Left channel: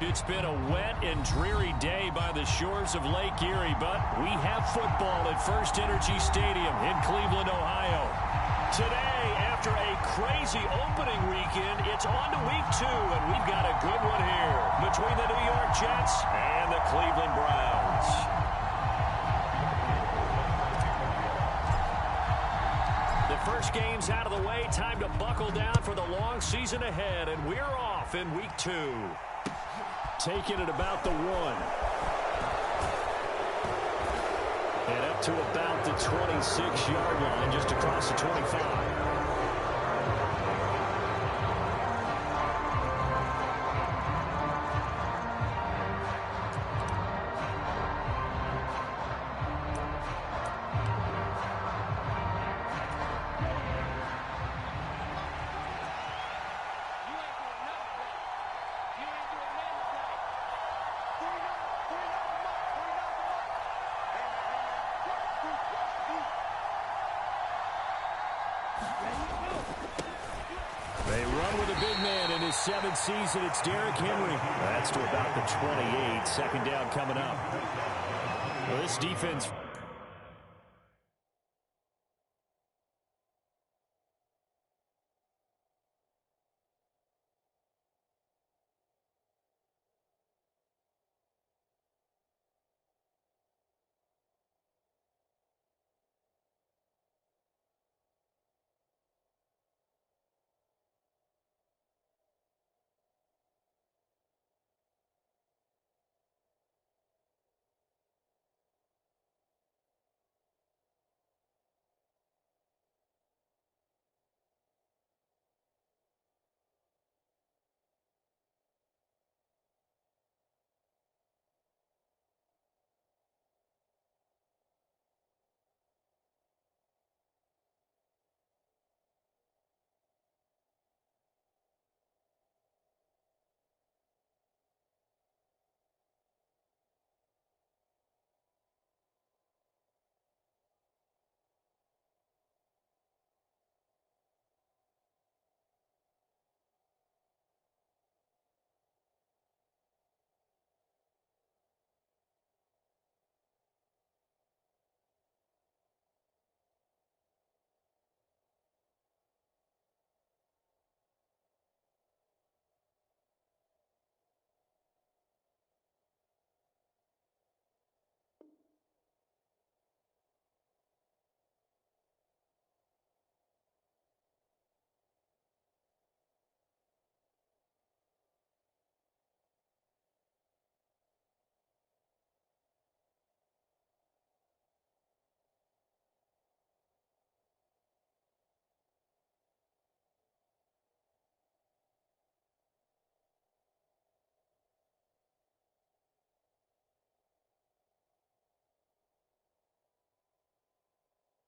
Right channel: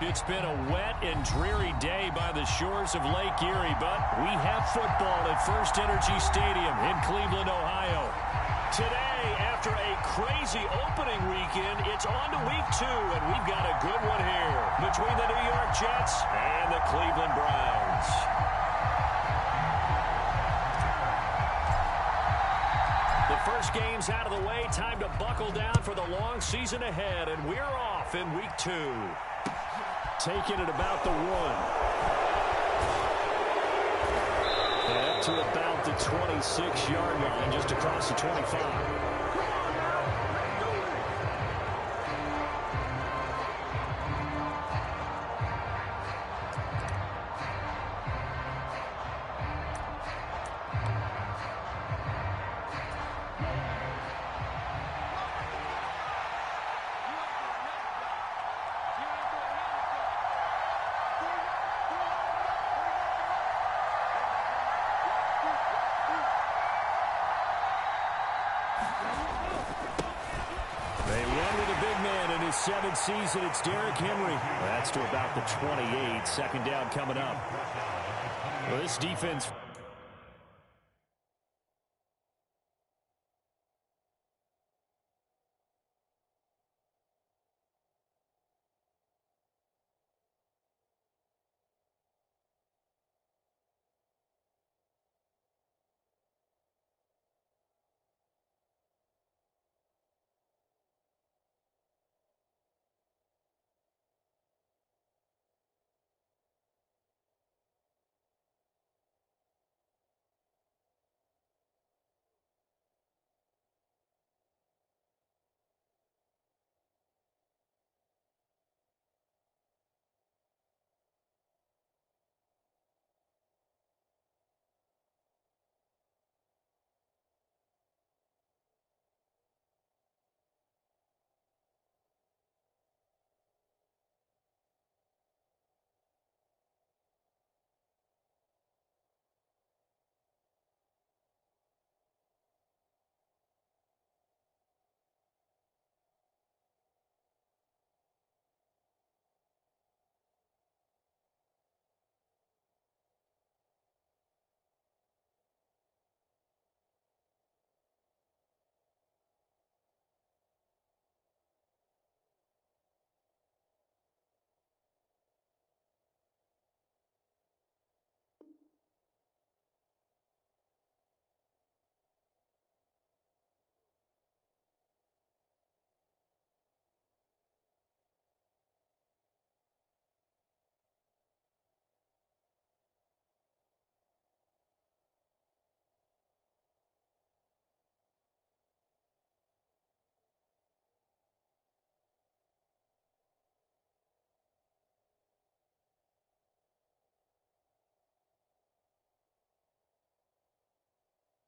It's been a wet and dreary day by the shores of Lake Erie, but we have football at First Energy Stadium in Cleveland, Ohio. Today, after a crazy opening weekend, it's on to week 2, and we've got a good one here between the New York Jets and the Cleveland Browns. The first game's out of the way. Time to buckle down for the long season ahead, and we're off in week 2. Taking it about the 1. And up to about the 26-yard line, just across the 25. They run with a big man in his 7th season. It's Derrick Henry. That's to about the 28. Second down coming up. Well, this defense...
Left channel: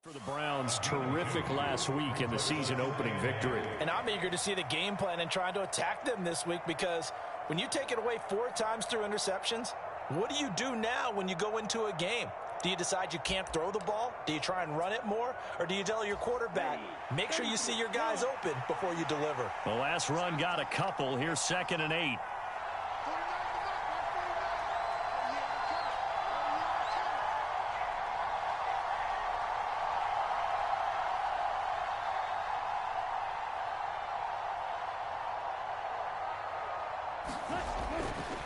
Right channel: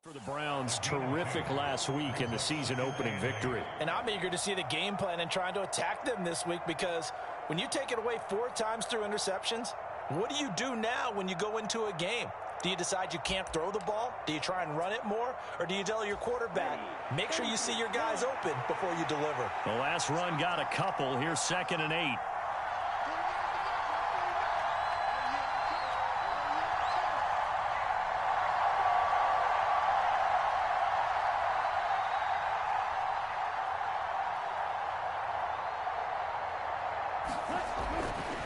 For the Browns, terrific last week in the season-opening victory. And I'm eager to see the game plan and trying to attack them this week, because when you take it away 4 times through interceptions, what do you do now when you go into a game? Do you decide you can't throw the ball? Do you try and run it more? Or do you tell your quarterback, make sure you see your guys open before you deliver? The last run got a couple. Here's 2nd and 8.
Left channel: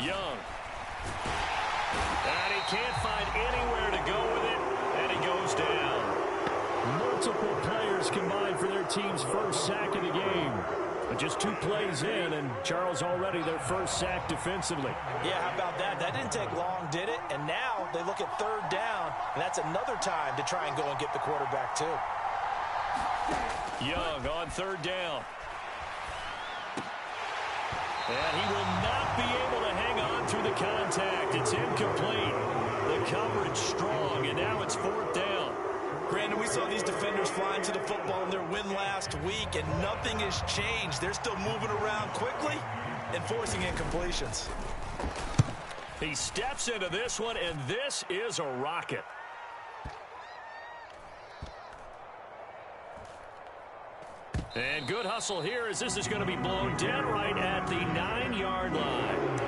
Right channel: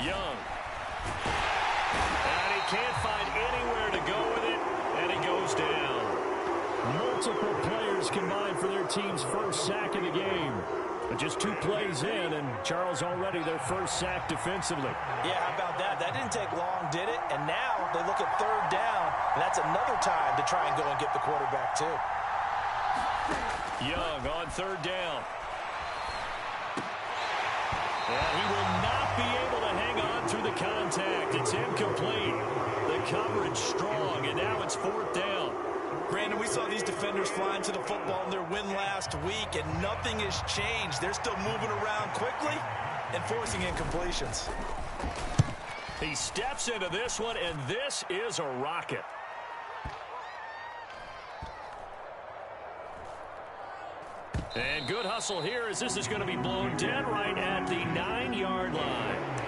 Young. And he can't find anywhere to go with it, and he goes down. Multiple players combined for their team's first sack of the game. But just 2 plays in, and Charles already their first sack defensively. Yeah, how about that? That didn't take long, did it? And now they look at 3rd down, and that's another time to try and go and get the quarterback too. Young on 3rd down. And he will not be able to hang on through the contact. It's incomplete. The coverage strong, and now it's 4th down. Brandon, we saw these defenders flying to the football in their win last week, and nothing has changed. They're still moving around quickly and forcing incompletions. He steps into this one, and this is a rocket. And good hustle here, as this is going to be blown dead right at the 9-yard line.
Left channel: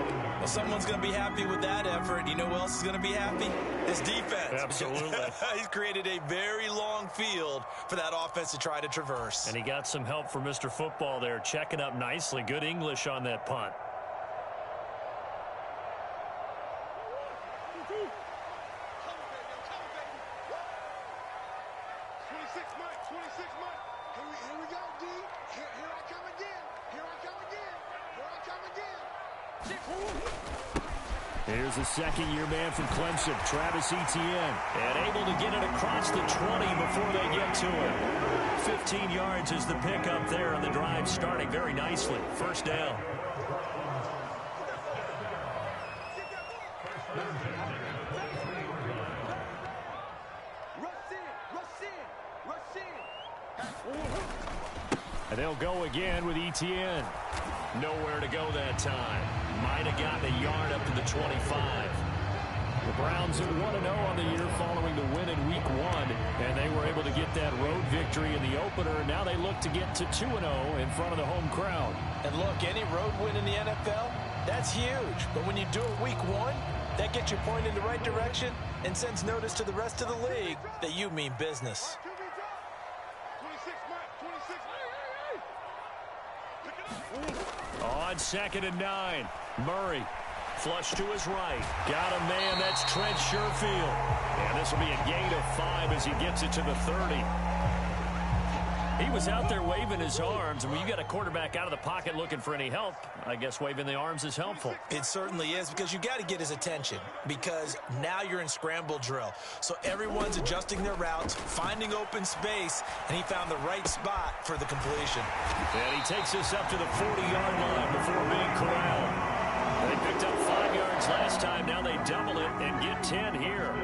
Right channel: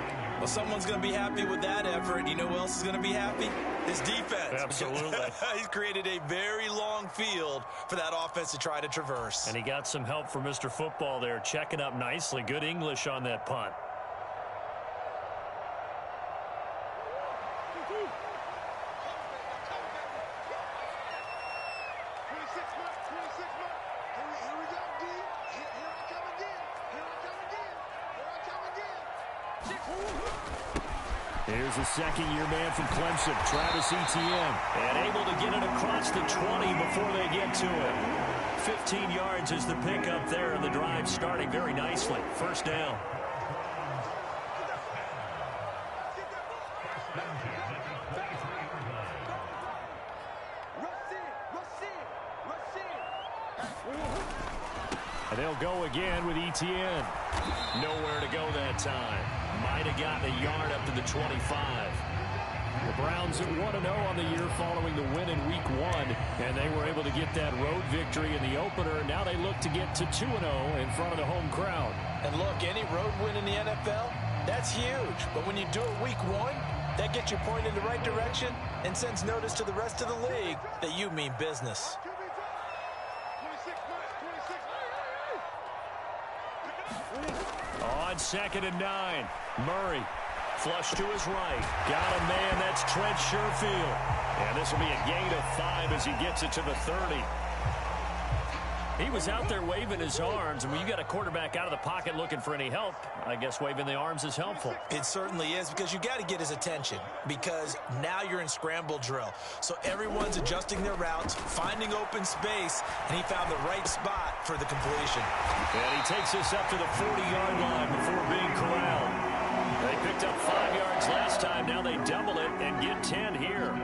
Well, someone's going to be happy with that effort. You know who else is going to be happy? His defense. Absolutely. He's created a very long field for that offense to try to traverse. And he got some help from Mr. Football there, checking up nicely. Good English on that punt. Here's the second-year man from Clemson, Travis Etienne. And able to get it across the 20 before they get to him. 15 yards is the pickup there, and the drive starting very nicely. First down. And they'll go again with Etienne. Nowhere to go that time. Might have gotten a yard up to the 25. The Browns at 1-0 on the year following the win in Week 1, and they were able to get that road victory in the opener. Now they look to get to 2-0 in front of the home crowd. And look, any road win in the NFL, that's huge. But when you do it Week 1, that gets you pointed in the right direction and sends notice to the rest of the league that you mean business. On 2nd and 9, Murray. Flush to his right. Got a man. That's Trent Sherfield. And this will be a gain of 5 as he gets it to the 30. He was out there waving his arms. And when you got a quarterback out of the pocket looking for any help, I guess waving the arms is helpful. It certainly is, because you got to get his attention, because now you're in scramble drill. So everyone's adjusting their routes, finding open space, and he found the right spot for the completion. And he takes us up to the 40-yard line before being corralled. They picked up 5 yards last time. Now they double it and get 10 here.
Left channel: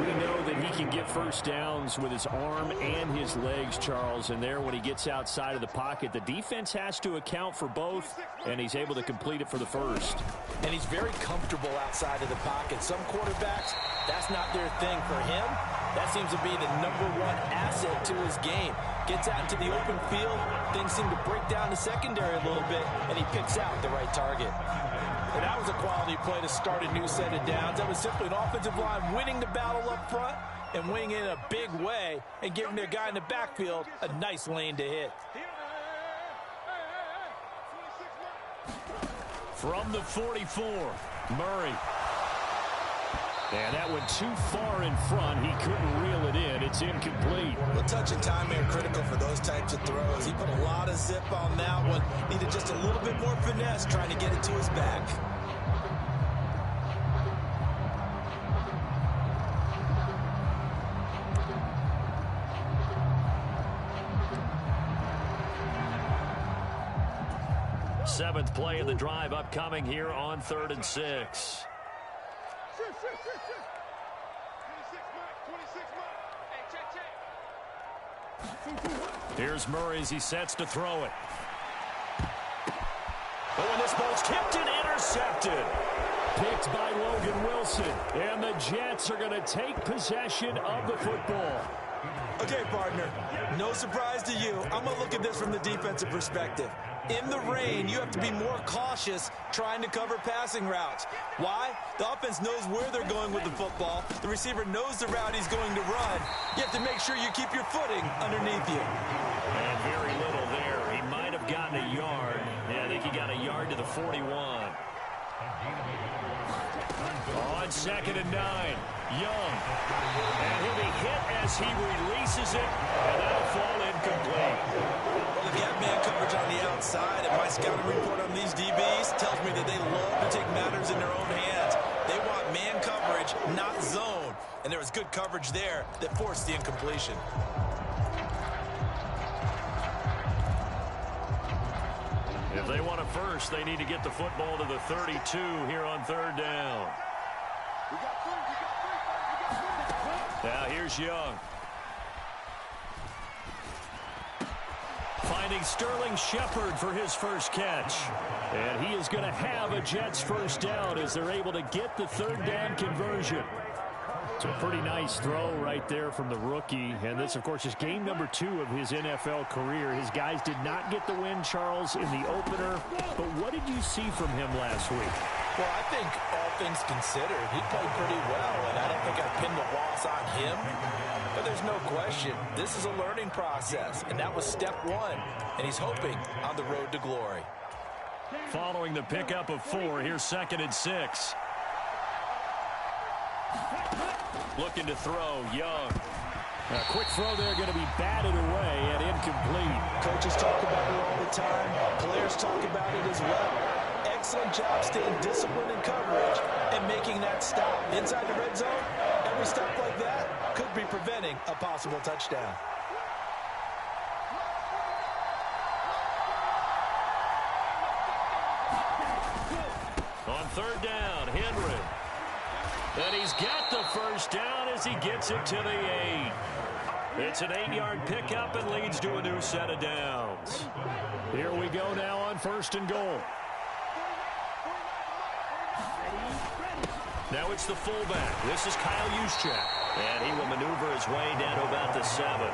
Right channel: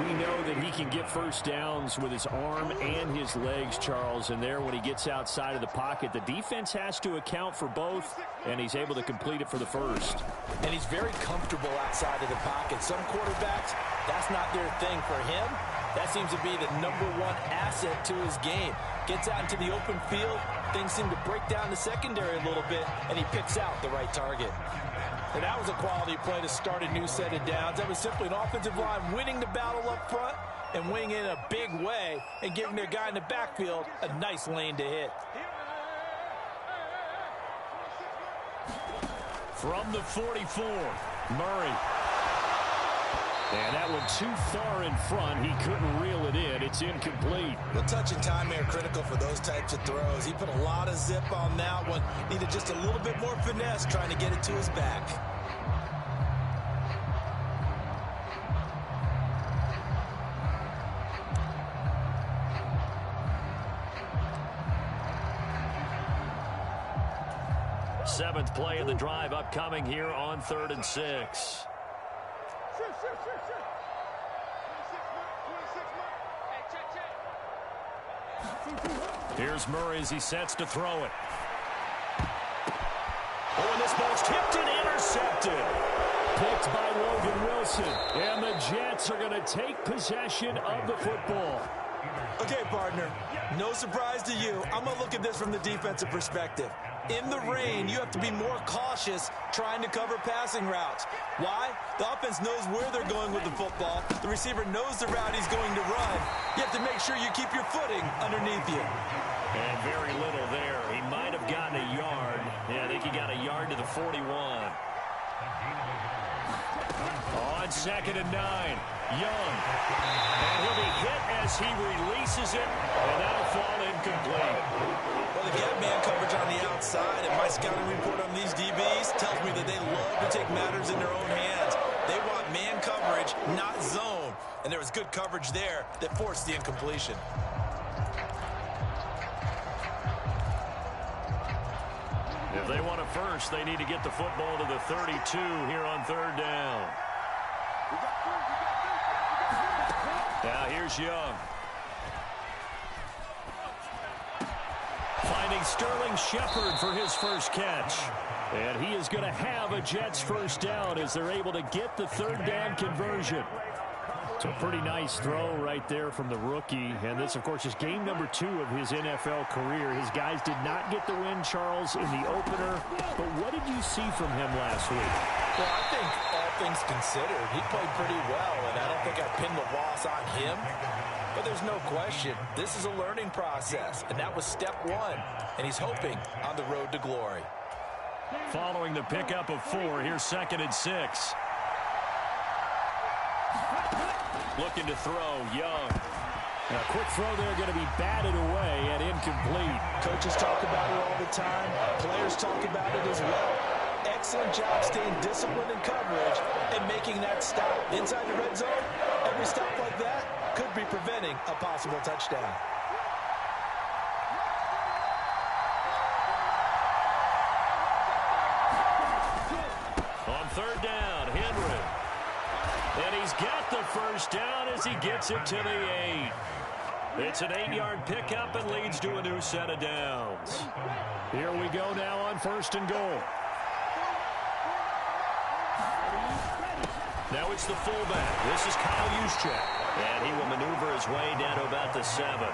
We know that he can get first downs with his arm and his legs, Charles. And there, when he gets outside of the pocket, the defense has to account for both, and he's able to complete it for the first. And he's very comfortable outside of the pocket. Some quarterbacks, that's not their thing. For him, that seems to be the #1 asset to his game. Gets out into the open field, things seem to break down the secondary a little bit, and he picks out the right target. And that was a quality play to start a new set of downs. That was simply an offensive line winning the battle up front and winning in a big way and giving their guy in the backfield a nice lane to hit. From the 44, Murray. And that went too far in front. He couldn't reel it in. It's incomplete. Well, touch and timing are critical for those types of throws. He put a lot of zip on that one. Needed just a little bit more finesse trying to get it to his back. Seventh play of the drive upcoming here on 3rd and 6. Here's Murray as he sets to throw it. Oh, and this ball's tipped and intercepted. Picked by Logan Wilson. And the Jets are going to take possession of the football. Okay, partner, no surprise to you. I'm going to look at this from the defensive perspective. In the rain, you have to be more cautious trying to cover passing routes. Why? The offense knows where they're going with the football. The receiver knows the route he's going to run. You have to make sure you keep your footing underneath you. And very little there. He might have gotten a yard. Yeah, I think he got a yard to the 41. On 2nd and 9, Young. And he'll be hit as he releases it, and that'll fall incomplete. Well, they've got man coverage on the outside, and my scouting report on these DBs tells me that they love to take matters in their own hands. They want man coverage, not zone. And there was good coverage there that forced the incompletion. If they want a first, they need to get the football to the 32 here on 3rd down. Now here's Young. Finding Sterling Shepard for his first catch. And he is going to have a Jets first down as they're able to get the 3rd down conversion. So a pretty nice throw right there from the rookie. And this, of course, is game number 2 of his NFL career. His guys did not get the win, Charles, in the opener. But what did you see from him last week? Well, I think all things considered, he played pretty well, and I don't think I pinned the loss on him. But there's no question, this is a learning process, and that was step 1, and he's hoping on the road to glory. Following the pickup of 4, here's 2nd and 6. Looking to throw, Young. A quick throw there, going to be batted away and incomplete. Coaches talk about it all the time. Players talk about it as well. Excellent job staying disciplined in coverage and making that stop. Inside the red zone, every stop like that could be preventing a possible touchdown. On 3rd down, Henry. And he's got the first down as he gets it to the 8. It's an 8-yard pickup and leads to a new set of downs. Here we go now on 1st and goal. Now it's the fullback. This is Kyle Juszczyk. And he will maneuver his way down to about the 7.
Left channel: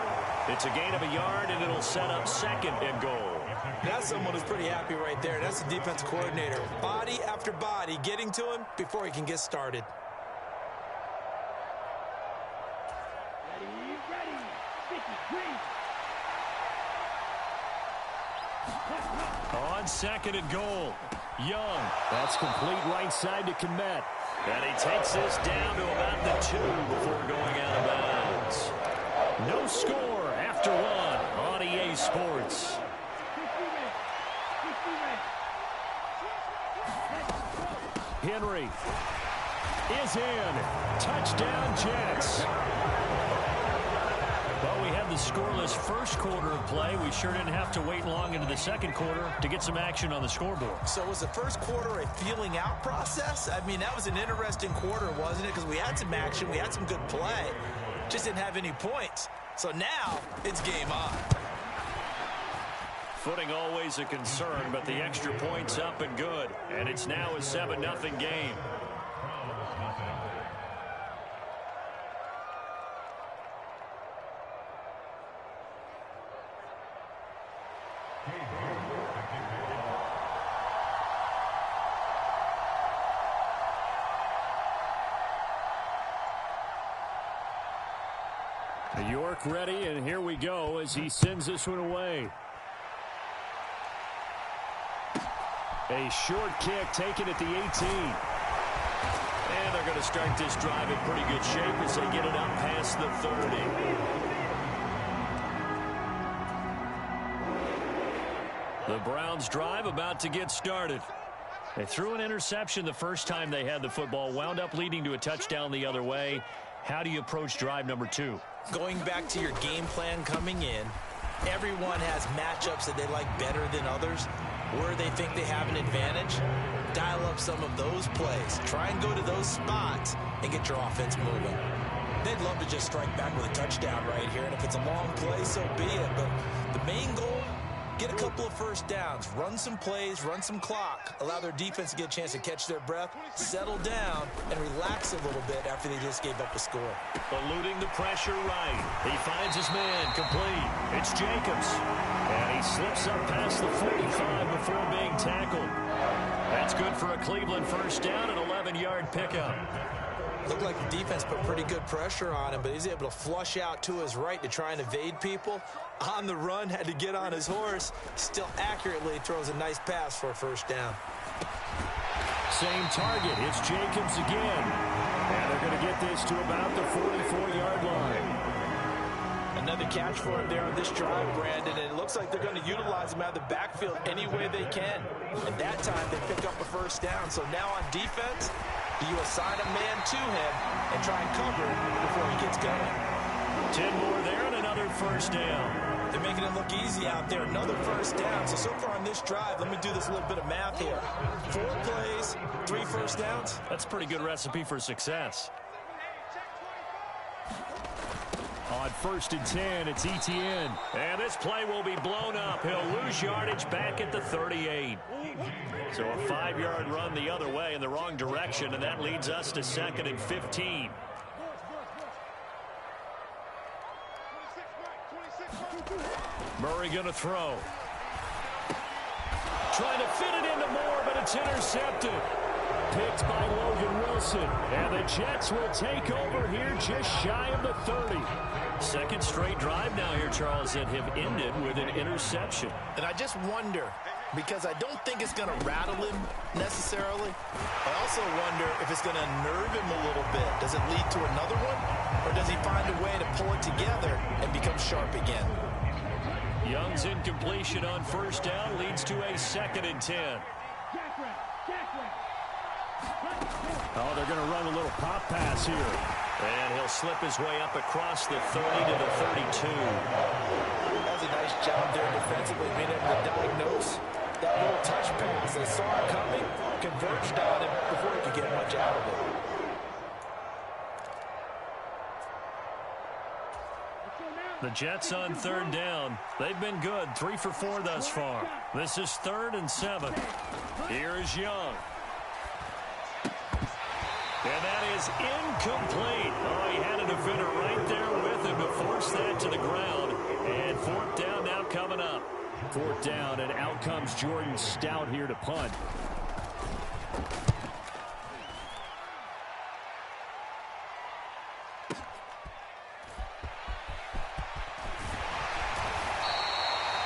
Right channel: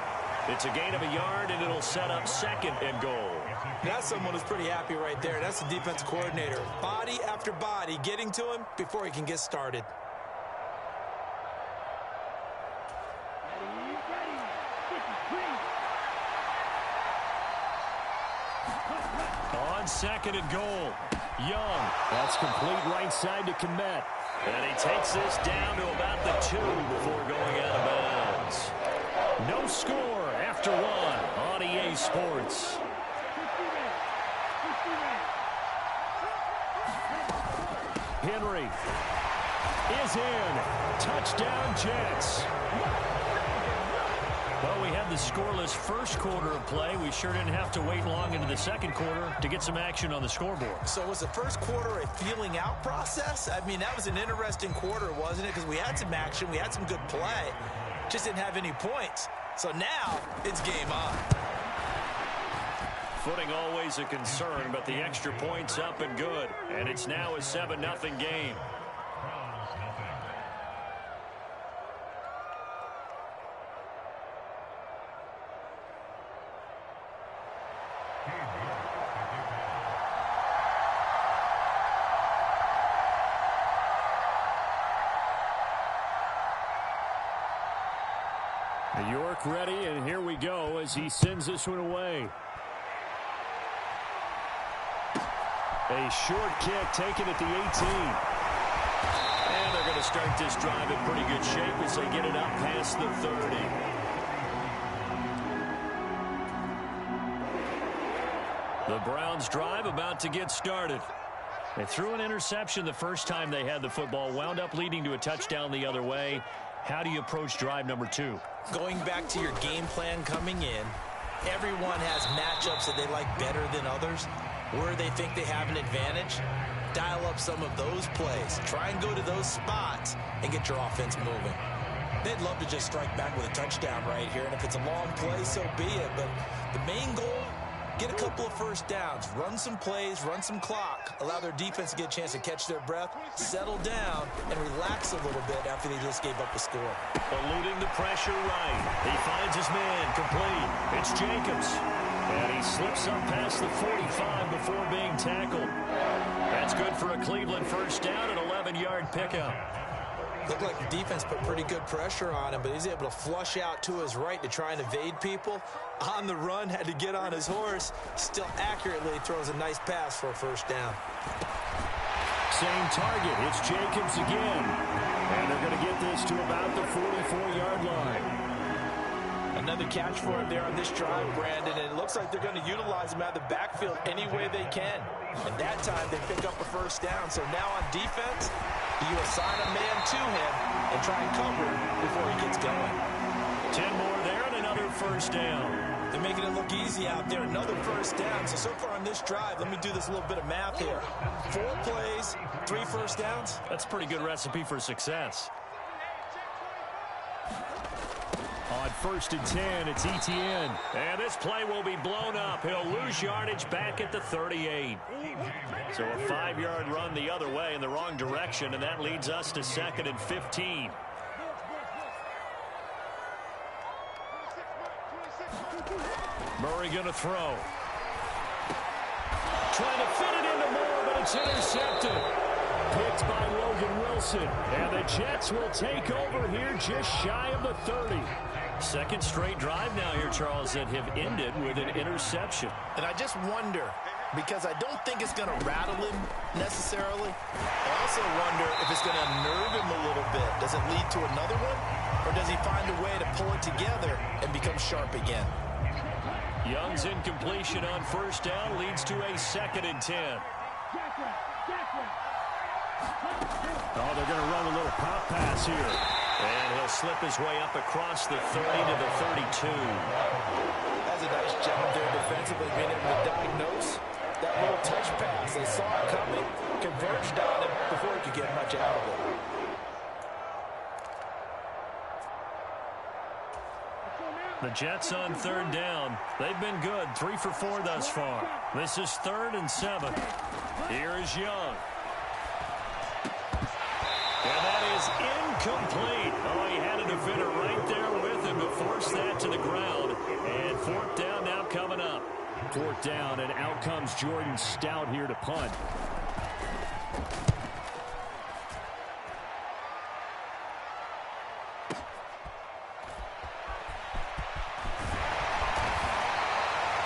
It's a gain of a yard, and it'll set up 2nd and goal. That's someone who's pretty happy right there. That's the defense coordinator. Body after body getting to him before he can get started. On 2nd and goal, Young. That's complete right side to Kmet. And he takes this down to about the 2 before going out of bounds. No score after 1 on EA Sports. Henry is in. Touchdown, Jets. Well, we had the scoreless first quarter of play. We sure didn't have to wait long into the second quarter to get some action on the scoreboard. So was the first quarter a feeling out process? I mean, that was an interesting quarter, wasn't it? Because we had some action, we had some good play, just didn't have any points. So now it's game on. Footing always a concern, but the extra point's up and good. And it's now a 7-0 game. York ready, and here we go as he sends this one away. A short kick taken at the 18. And they're going to start this drive in pretty good shape as they get it up past the 30. The Browns drive about to get started. They threw an interception the first time they had the football, wound up leading to a touchdown the other way. How do you approach drive number 2? Going back to your game plan coming in, everyone has matchups that they like better than others. Where they think they have an advantage, dial up some of those plays. Try and go to those spots and get your offense moving. They'd love to just strike back with a touchdown right here, and if it's a long play, so be it. But the main goal, get a couple of first downs, run some plays, run some clock, allow their defense to get a chance to catch their breath, settle down, and relax a little bit after they just gave up a score. Eluding the pressure right. He finds his man complete. It's Jacobs. And he slips up past the 45 before being tackled. That's good for a Cleveland first down, an 11-yard pickup. Looked like the defense put pretty good pressure on him, but he's able to flush out to his right to try and evade people. On the run, had to get on his horse. Still accurately throws a nice pass for a first down. Same target. It's Jacobs again. And they're going to get this to about the 44-yard line. Another catch for him there on this drive, Brandon, and it looks like they're going to utilize him out of the backfield any way they can. And that time, they pick up a first down. So now on defense, do you assign a man to him and try and cover him before he gets going? 10 more there and another first down. They're making it look easy out there. Another first down. So far on this drive, let me do this little bit of math here. 4 plays, 3 first downs. That's a pretty good recipe for success. On 1st and 10, it's Etienne. And this play will be blown up. He'll lose yardage back at the 38. So a 5-yard run the other way in the wrong direction, and that leads us to 2nd and 15. Murray going to throw. Trying to fit it into Moore, but it's intercepted. Picked by Logan Wilson. And the Jets will take over here just shy of the 30. Second straight drive now here, Charles, that have ended with an interception. And I just wonder, because I don't think it's going to rattle him necessarily. I also wonder if it's going to unnerve him a little bit. Does it lead to another one? Or does he find a way to pull it together and become sharp again? Young's incompletion on first down leads to a 2nd and 10. Oh, they're going to run a little pop pass here. And he'll slip his way up across the 30 to the 32. That's a nice job there defensively, being able to diagnose that little touch pass. They saw it coming, converged on him before he could get much out of it. The Jets on 3rd down. They've been good, 3 for 4 thus far. This is 3rd and 7. Here is Young. And that is incomplete. Oh, he had a defender right there with him to force that to the ground. And 4th down now coming up. 4th down, and out comes Jordan Stout here to punt.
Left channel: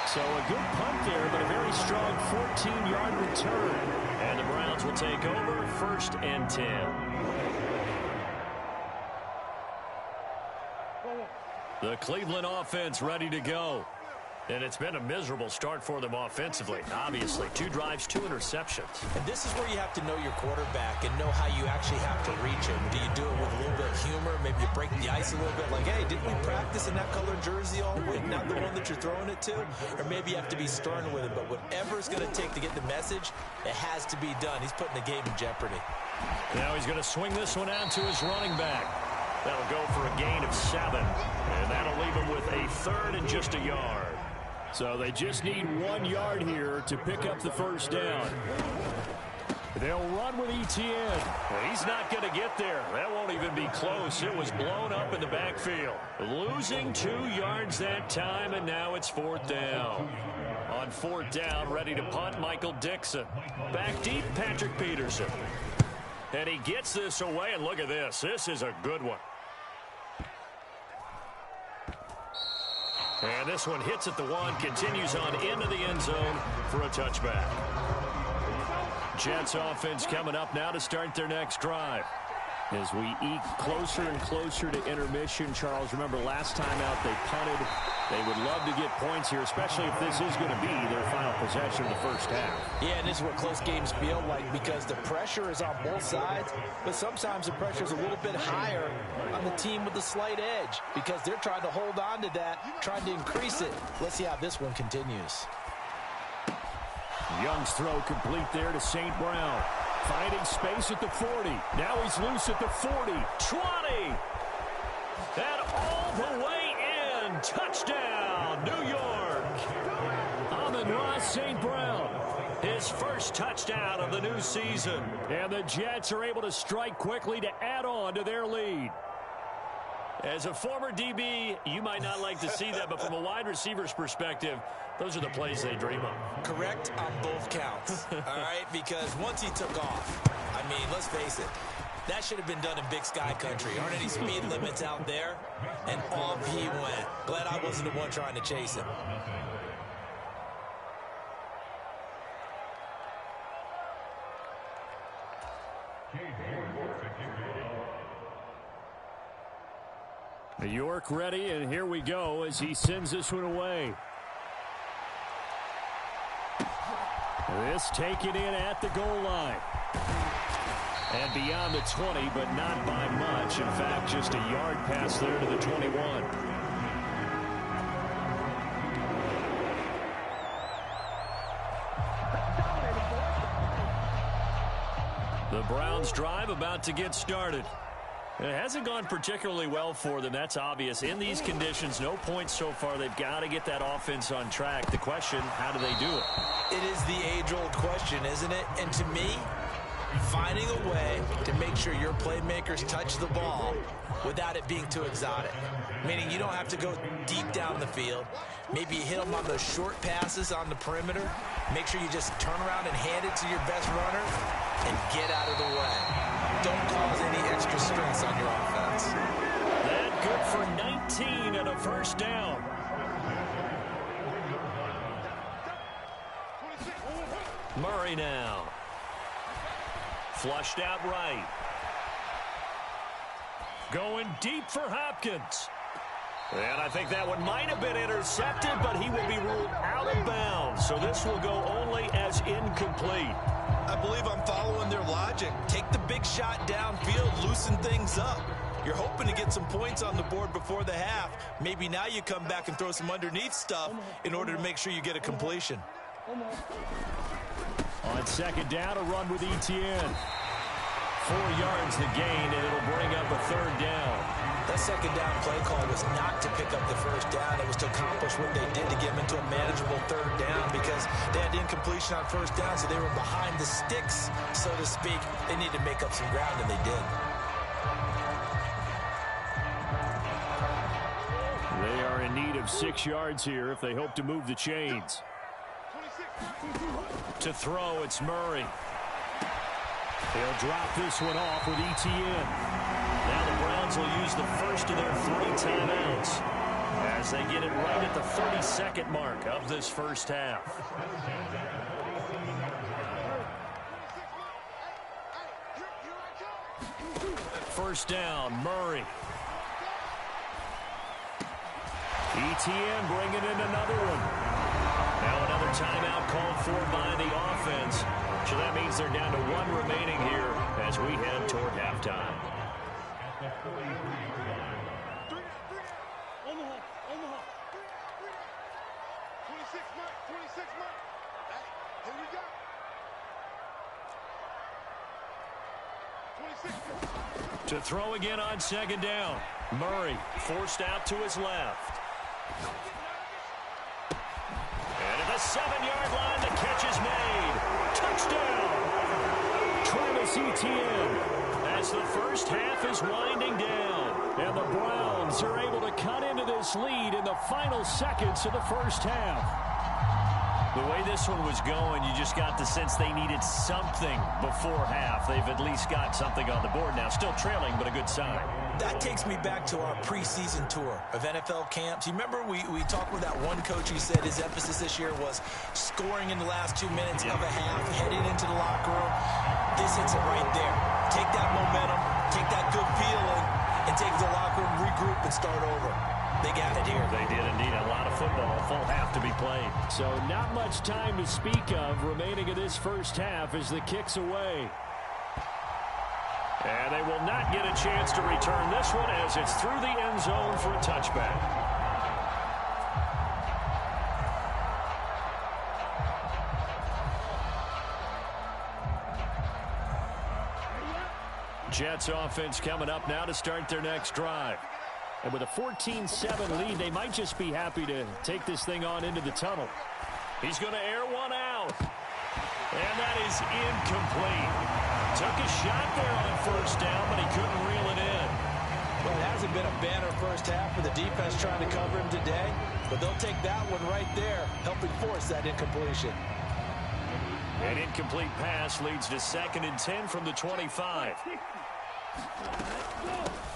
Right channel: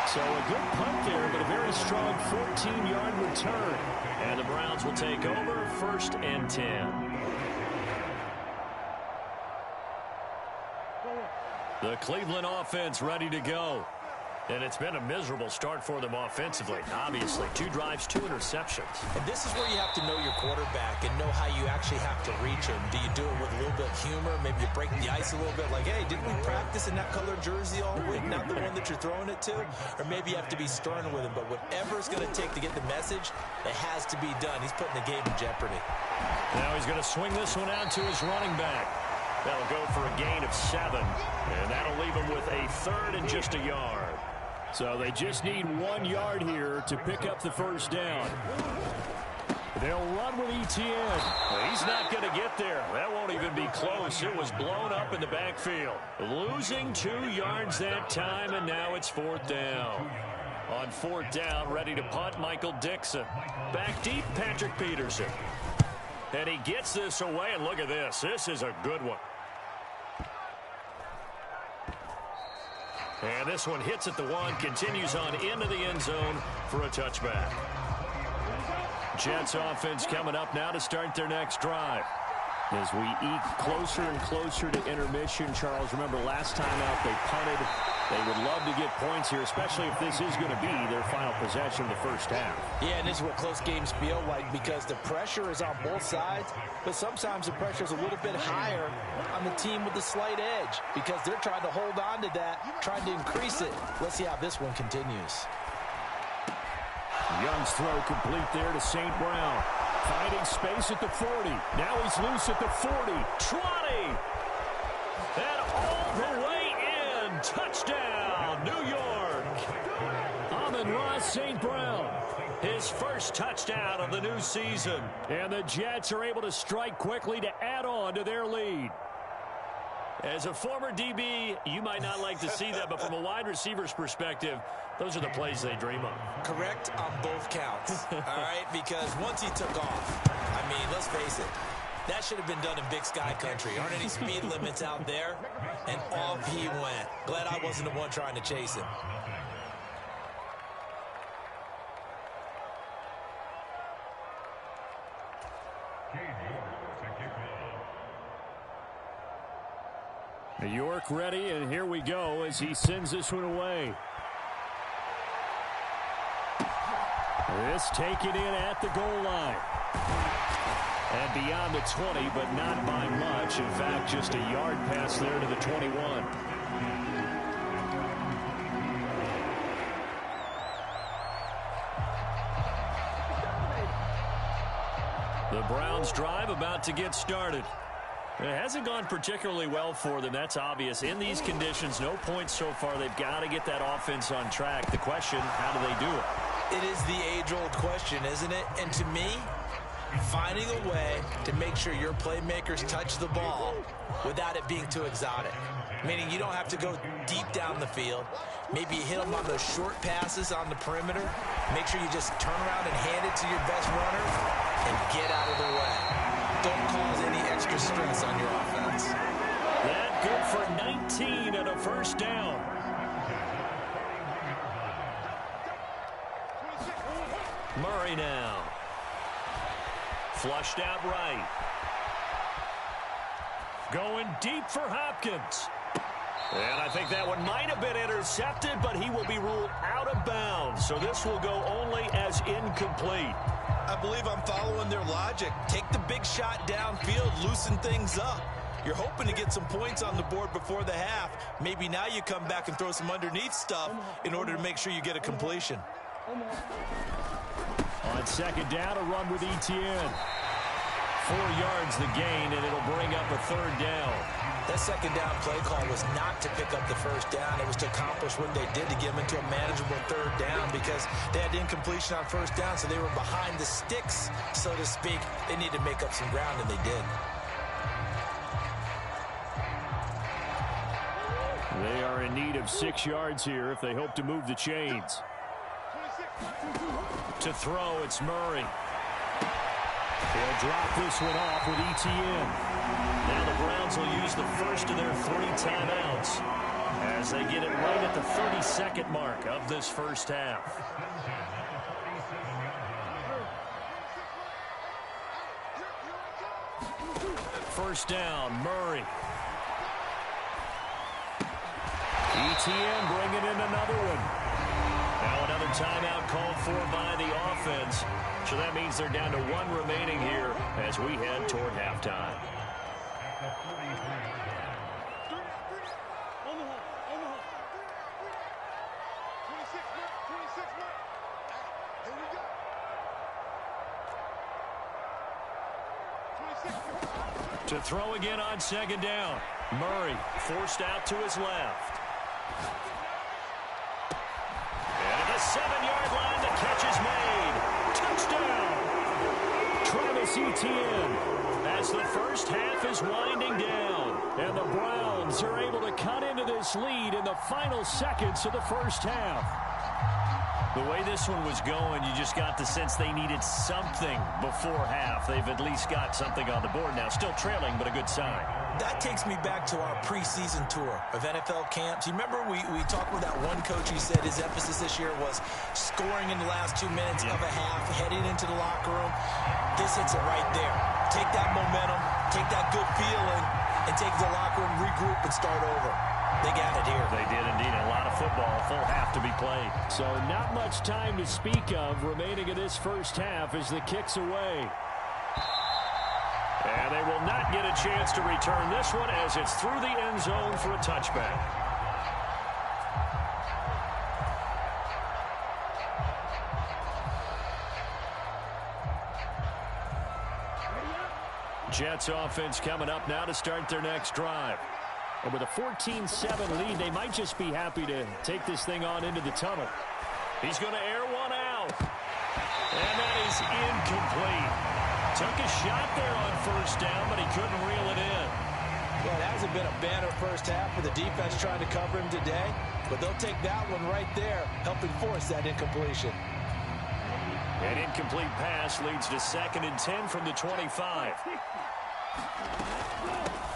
So a good punt there, but a very strong 14-yard return. And the Browns will take over 1st and 10. The Cleveland offense ready to go. And it's been a miserable start for them offensively. Obviously, 2 drives, 2 interceptions. And this is where you have to know your quarterback and know how you actually have to reach him. Do you do it with a little bit of humor? Maybe you break the ice a little bit like, hey, didn't we practice in that colored jersey all week? Not the one that you're throwing it to? Or maybe you have to be stern with him. But whatever it's going to take to get the message, it has to be done. He's putting the game in jeopardy. Now he's going to swing this one out to his running back. That'll go for a gain of 7. And that'll leave him with a 3rd and just a yard. So they just need 1 yard here to pick up the first down. They'll run with Etienne. He's not going to get there. That won't even be close. It was blown up in the backfield. Losing 2 yards that time, and now it's 4th down. On 4th down, ready to punt, Michael Dixon. Back deep, Patrick Peterson. And he gets this away, and look at this. This is a good one. And this one hits at the 1, continues on into the end zone for a touchback. Jets offense coming up now to start their next drive. As we eke closer and closer to intermission, Charles, remember last time out they punted. They would love to get points here, especially if this is going to be their final possession of the first half. Yeah, and this is what close games feel like because the pressure is on both sides, but sometimes the pressure is a little bit higher on the team with the slight edge because they're trying to hold on to that, trying to increase it. Let's see how this one continues. Young's throw complete there to St. Brown. Finding space at the 40. Now he's loose at the 40. 20. And all the way in. Touchdown, New York. Amon-Ra St. Brown. His first touchdown of the new season. And the Jets are able to strike quickly to add on to their lead. As a former DB, you might not like to see that, but from a wide receiver's perspective, those are the plays they dream of. Correct on both counts, all right? Because once he took off, I mean, let's face it, that should have been done in Big Sky country. Aren't any speed limits out there? And off he went. Glad I wasn't the one trying to chase him. York ready, and here we go as he sends this one away. This taken in at the goal line. And beyond the 20, but not by much. In fact, just a yard pass there to the 21. The Browns drive about to get started. It hasn't gone particularly well for them. That's obvious. In these conditions, no points so far. They've got to get that offense on track. The question, how do they do it? It is the age-old question, isn't it? And to me, finding a way to make sure your playmakers touch the ball without it being too exotic. Meaning you don't have to go deep down the field. Maybe you hit them on those short passes on the perimeter. Make sure you just turn around and hand it to your best runner and get out of the way. Don't cause any extra stress on your offense. That good for 19 and a first down. Murray now. Flushed out right. Going deep for Hopkins. And I think that one might have been intercepted, but he will be ruled out of bounds. So this will go only as incomplete. I believe I'm following their logic. Take the big shot downfield, loosen things up. You're hoping to get some points on the board before the half. Maybe now you come back and throw some underneath stuff in order to make sure you get a completion. On second down, a run with Etienne. 4 yards the gain, and it'll bring up a third down. That second down play call was not to pick up the first down. It was to accomplish what they did to get them into a manageable third down because they had incompletion on first down, so they were behind the sticks, so to speak. They needed to make up some ground, and they did. They are in need of 6 yards here if they hope to move the chains. To throw, it's Murray. They'll drop this one off with Etienne. Now the Browns will use the first of their 3 timeouts as they get it right at the 32nd mark of this first half. First down, Murray. Etienne bringing in another one. Now another timeout called for by the offense. So that means they're down to 1 remaining here as we head toward halftime. To throw again on second down. Murray forced out to his left. And at the 7-yard line, the catch is made. Touchdown! Travis Etienne as the first half is winding down. And the Browns are able to cut into this lead in the final seconds of the first half. The way this one was going, you just got the sense they needed something before half. They've at least got something on the board now. Still trailing, but a good sign. That takes me back to our preseason tour of NFL camps. You remember we talked with that one coach who said his emphasis this year was scoring in the last 2 minutes of a half, heading into the locker room. This hits it right there. Take that momentum, take that good feeling, and take it to the locker room, regroup, and start over. They got it here. They did indeed. A lot of football, full half to be played. So not much time to speak of remaining in this first half as the kick's away. And they will not get a chance to return this one as it's through the end zone for a touchback. Jets offense coming up now to start their next drive. And with a 14-7 lead, they might just be happy to take this thing on into the tunnel. He's going to air one out. And that is incomplete. Took a shot there on first down, but he couldn't reel it in. Well, it hasn't been a banner first half for the defense trying to cover him today, but they'll take that one right there, helping force that incompletion. An incomplete pass leads to 2nd and 10 from the 25.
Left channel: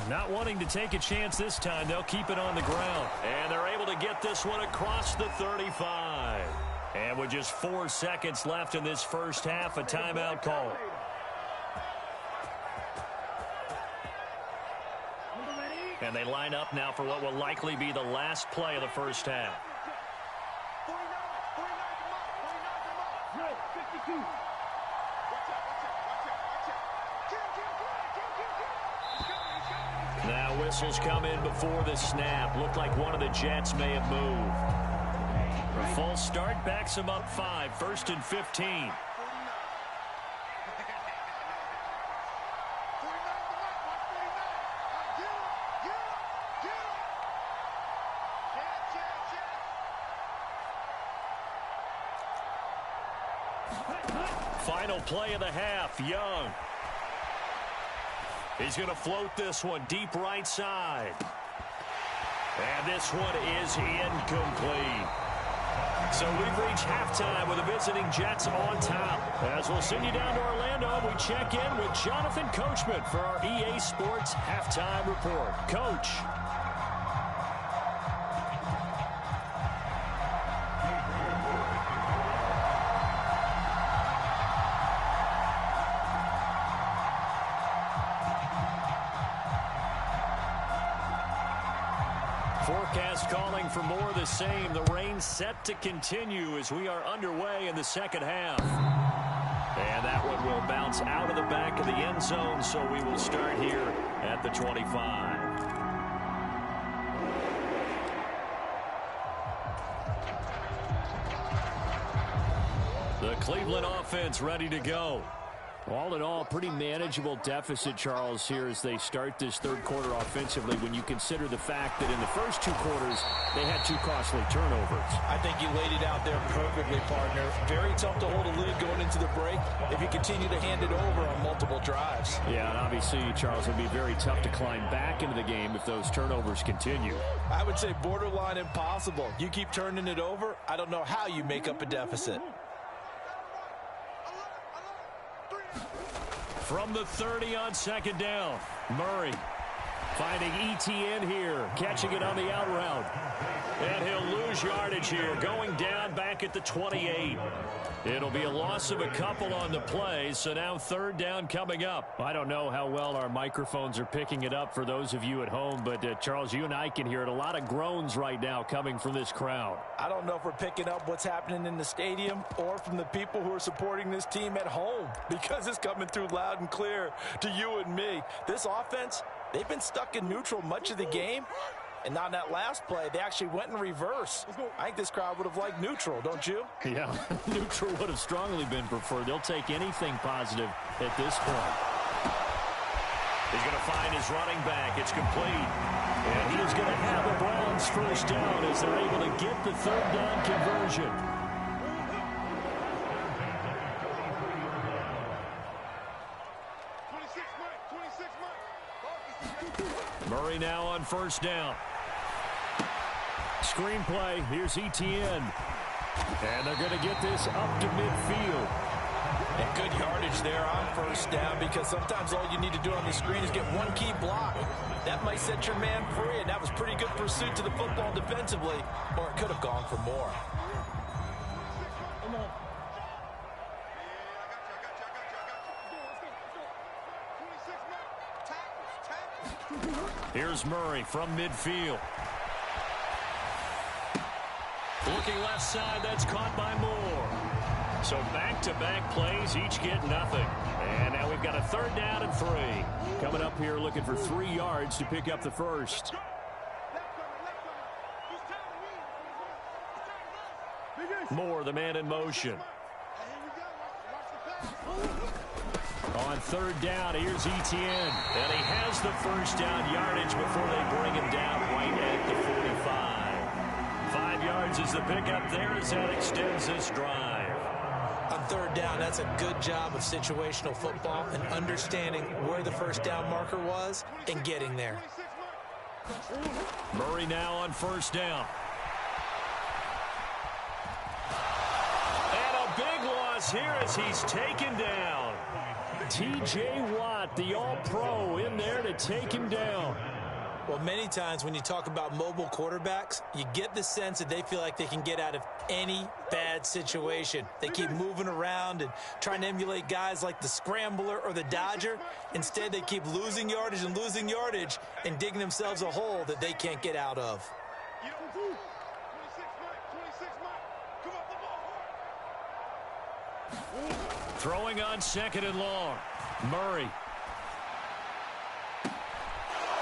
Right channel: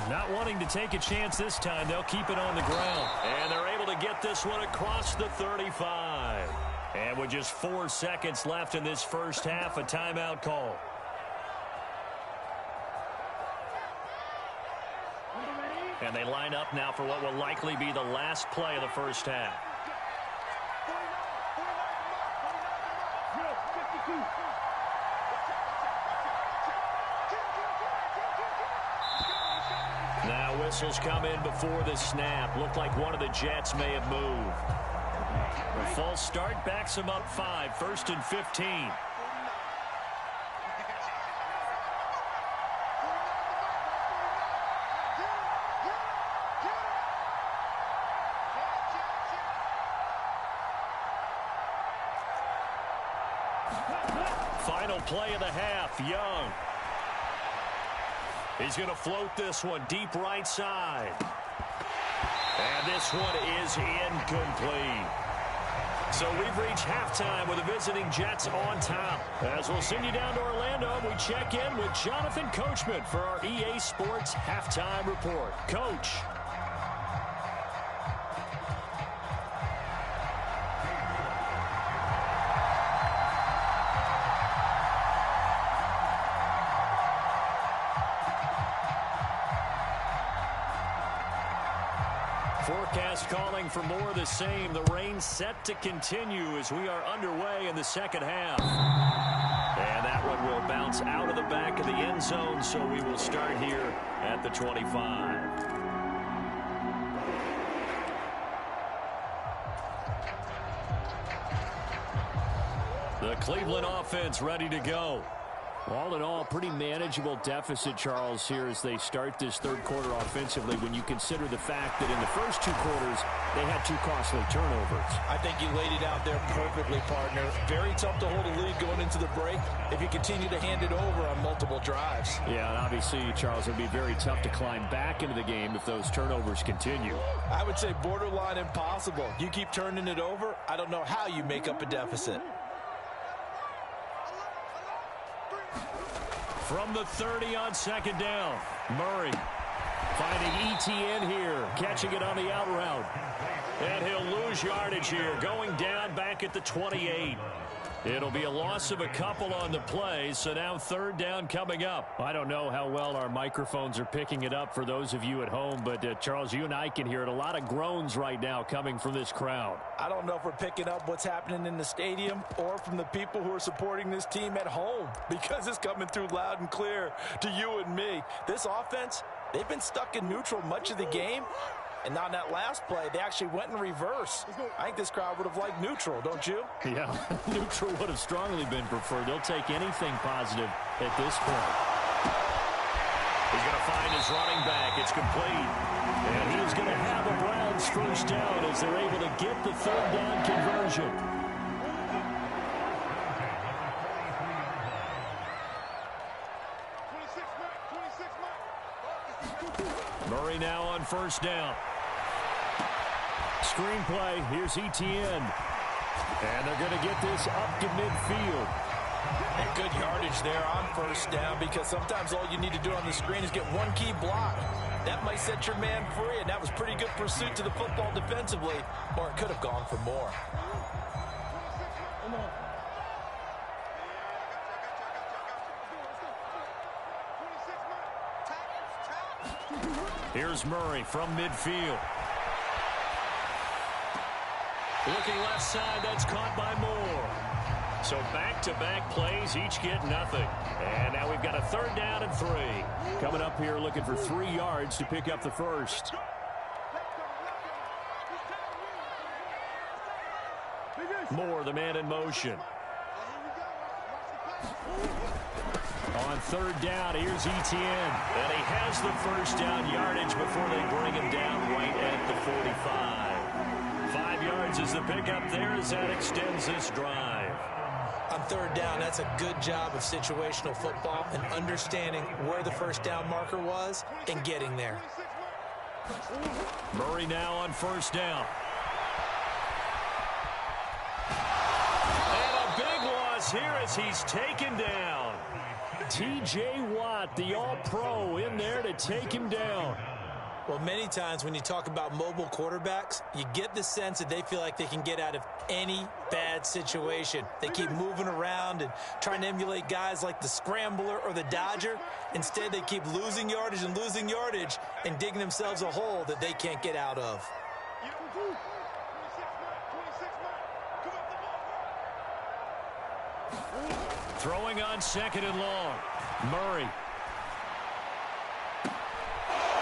Not wanting to take a chance this time, they'll keep it on the ground. And they're able to get this one across the 35. And with just 4 seconds left in this first half, a timeout call. And they line up now for what will likely be the last play of the first half. Now whistles come in before the snap. Looked like one of the Jets may have moved. A false start backs them up 5. 1st and 15. final play of the half. Young. He's going to float this one deep right side. And this one is incomplete. So we've reached halftime with the visiting Jets on top. As we'll send you down to Orlando, we check in with Jonathan Coachman for our EA Sports Halftime Report. Coach. Forecast calling for more of the same. The rain set to continue as we are underway in the second half. And that one will bounce out of the back of the end zone, so we will start here at the 25. The Cleveland offense ready to go. All in all, pretty manageable deficit, Charles, here as they start this third quarter offensively when you consider the fact that in the first two quarters, they had two costly turnovers. I think you laid it out there perfectly, partner. Very tough to hold a lead going into the break if you continue to hand it over on multiple drives. Yeah, and obviously, Charles, it would be very tough to climb back into the game if those turnovers continue. I would say borderline impossible. You keep turning it over, I don't know how you make up a deficit. From the 30 on second down, Murray finding ETN here, catching it on the out route. And he'll lose yardage here, going down back at the 28. It'll be a loss of a couple on the play, so now third down coming up. I don't know how well our microphones are picking it up for those of you at home, but Charles, you and I can hear it. A lot of groans right now coming from this crowd. I don't know if we're picking up what's happening in the stadium or from the people who are supporting this team at home, because it's coming through loud and clear to you and me. This offense, they've been stuck in neutral much of the game. And on that last play, they actually went in reverse. I think this crowd would have liked neutral, don't you? Yeah, neutral would have strongly been preferred. They'll take anything positive at this point. He's going to find his running back. It's complete. And he is going to have the Browns first down as they're able to get the third down conversion. Murray now on first down. Screenplay. Here's ETN. And they're going to get this up to midfield. And good yardage there on first down, because sometimes all you need to do on the screen is get one key block. That might set your man free, and that was pretty good pursuit to the football defensively, or it could have gone for more. Here's Murray from midfield. Looking left side, that's caught by Moore. So back-to-back plays, each get nothing. And now we've got a third down and 3. Coming up here looking for 3 yards to pick up the first. Moore, the man in motion. On third down, here's ETN. And he has the first down yardage before they bring him down right at the 45. 5 yards is the pickup there as that extends this drive. On third down, that's a good job of situational football and understanding where the first down marker was and getting there. Murray now on first down. And a big loss here as he's taken down. T.J. Watt, the all-pro, in there to take him down. Well, many times when you talk about mobile quarterbacks, you get the sense that they feel like they can get out of any bad situation. They keep moving around and trying to emulate guys like the Scrambler or the Dodger. Instead, they keep losing yardage and digging themselves a hole that they can't get out of. Throwing on second and long. Murray.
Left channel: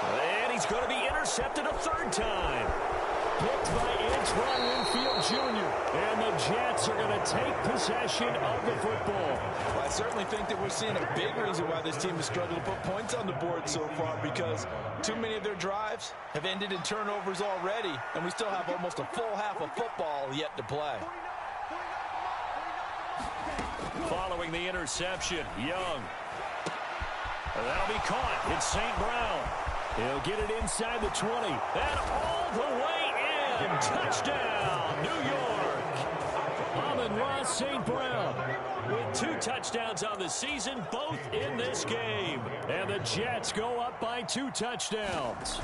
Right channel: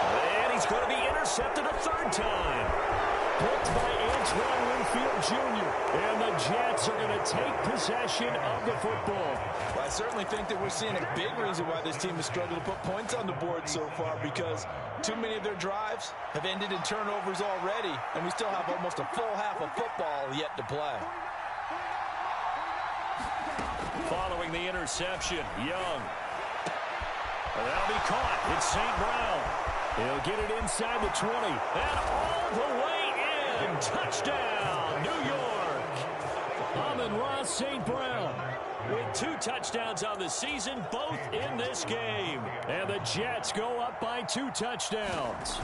And he's going to be intercepted a third time. Picked by Antoine Winfield Jr. And the Jets are going to take possession of the football. Well, I certainly think that we're seeing a big reason why this team has struggled to put points on the board so far, because too many of their drives have ended in turnovers already, and we still have almost a full half of football yet to play. Following the interception, Young. That'll be caught. It's St. Brown. He'll get it inside the 20. And all the way in. Touchdown, New York. Amon-Ra St. Brown with 2 touchdowns on the season, both in this game. And the Jets go up by 2 touchdowns.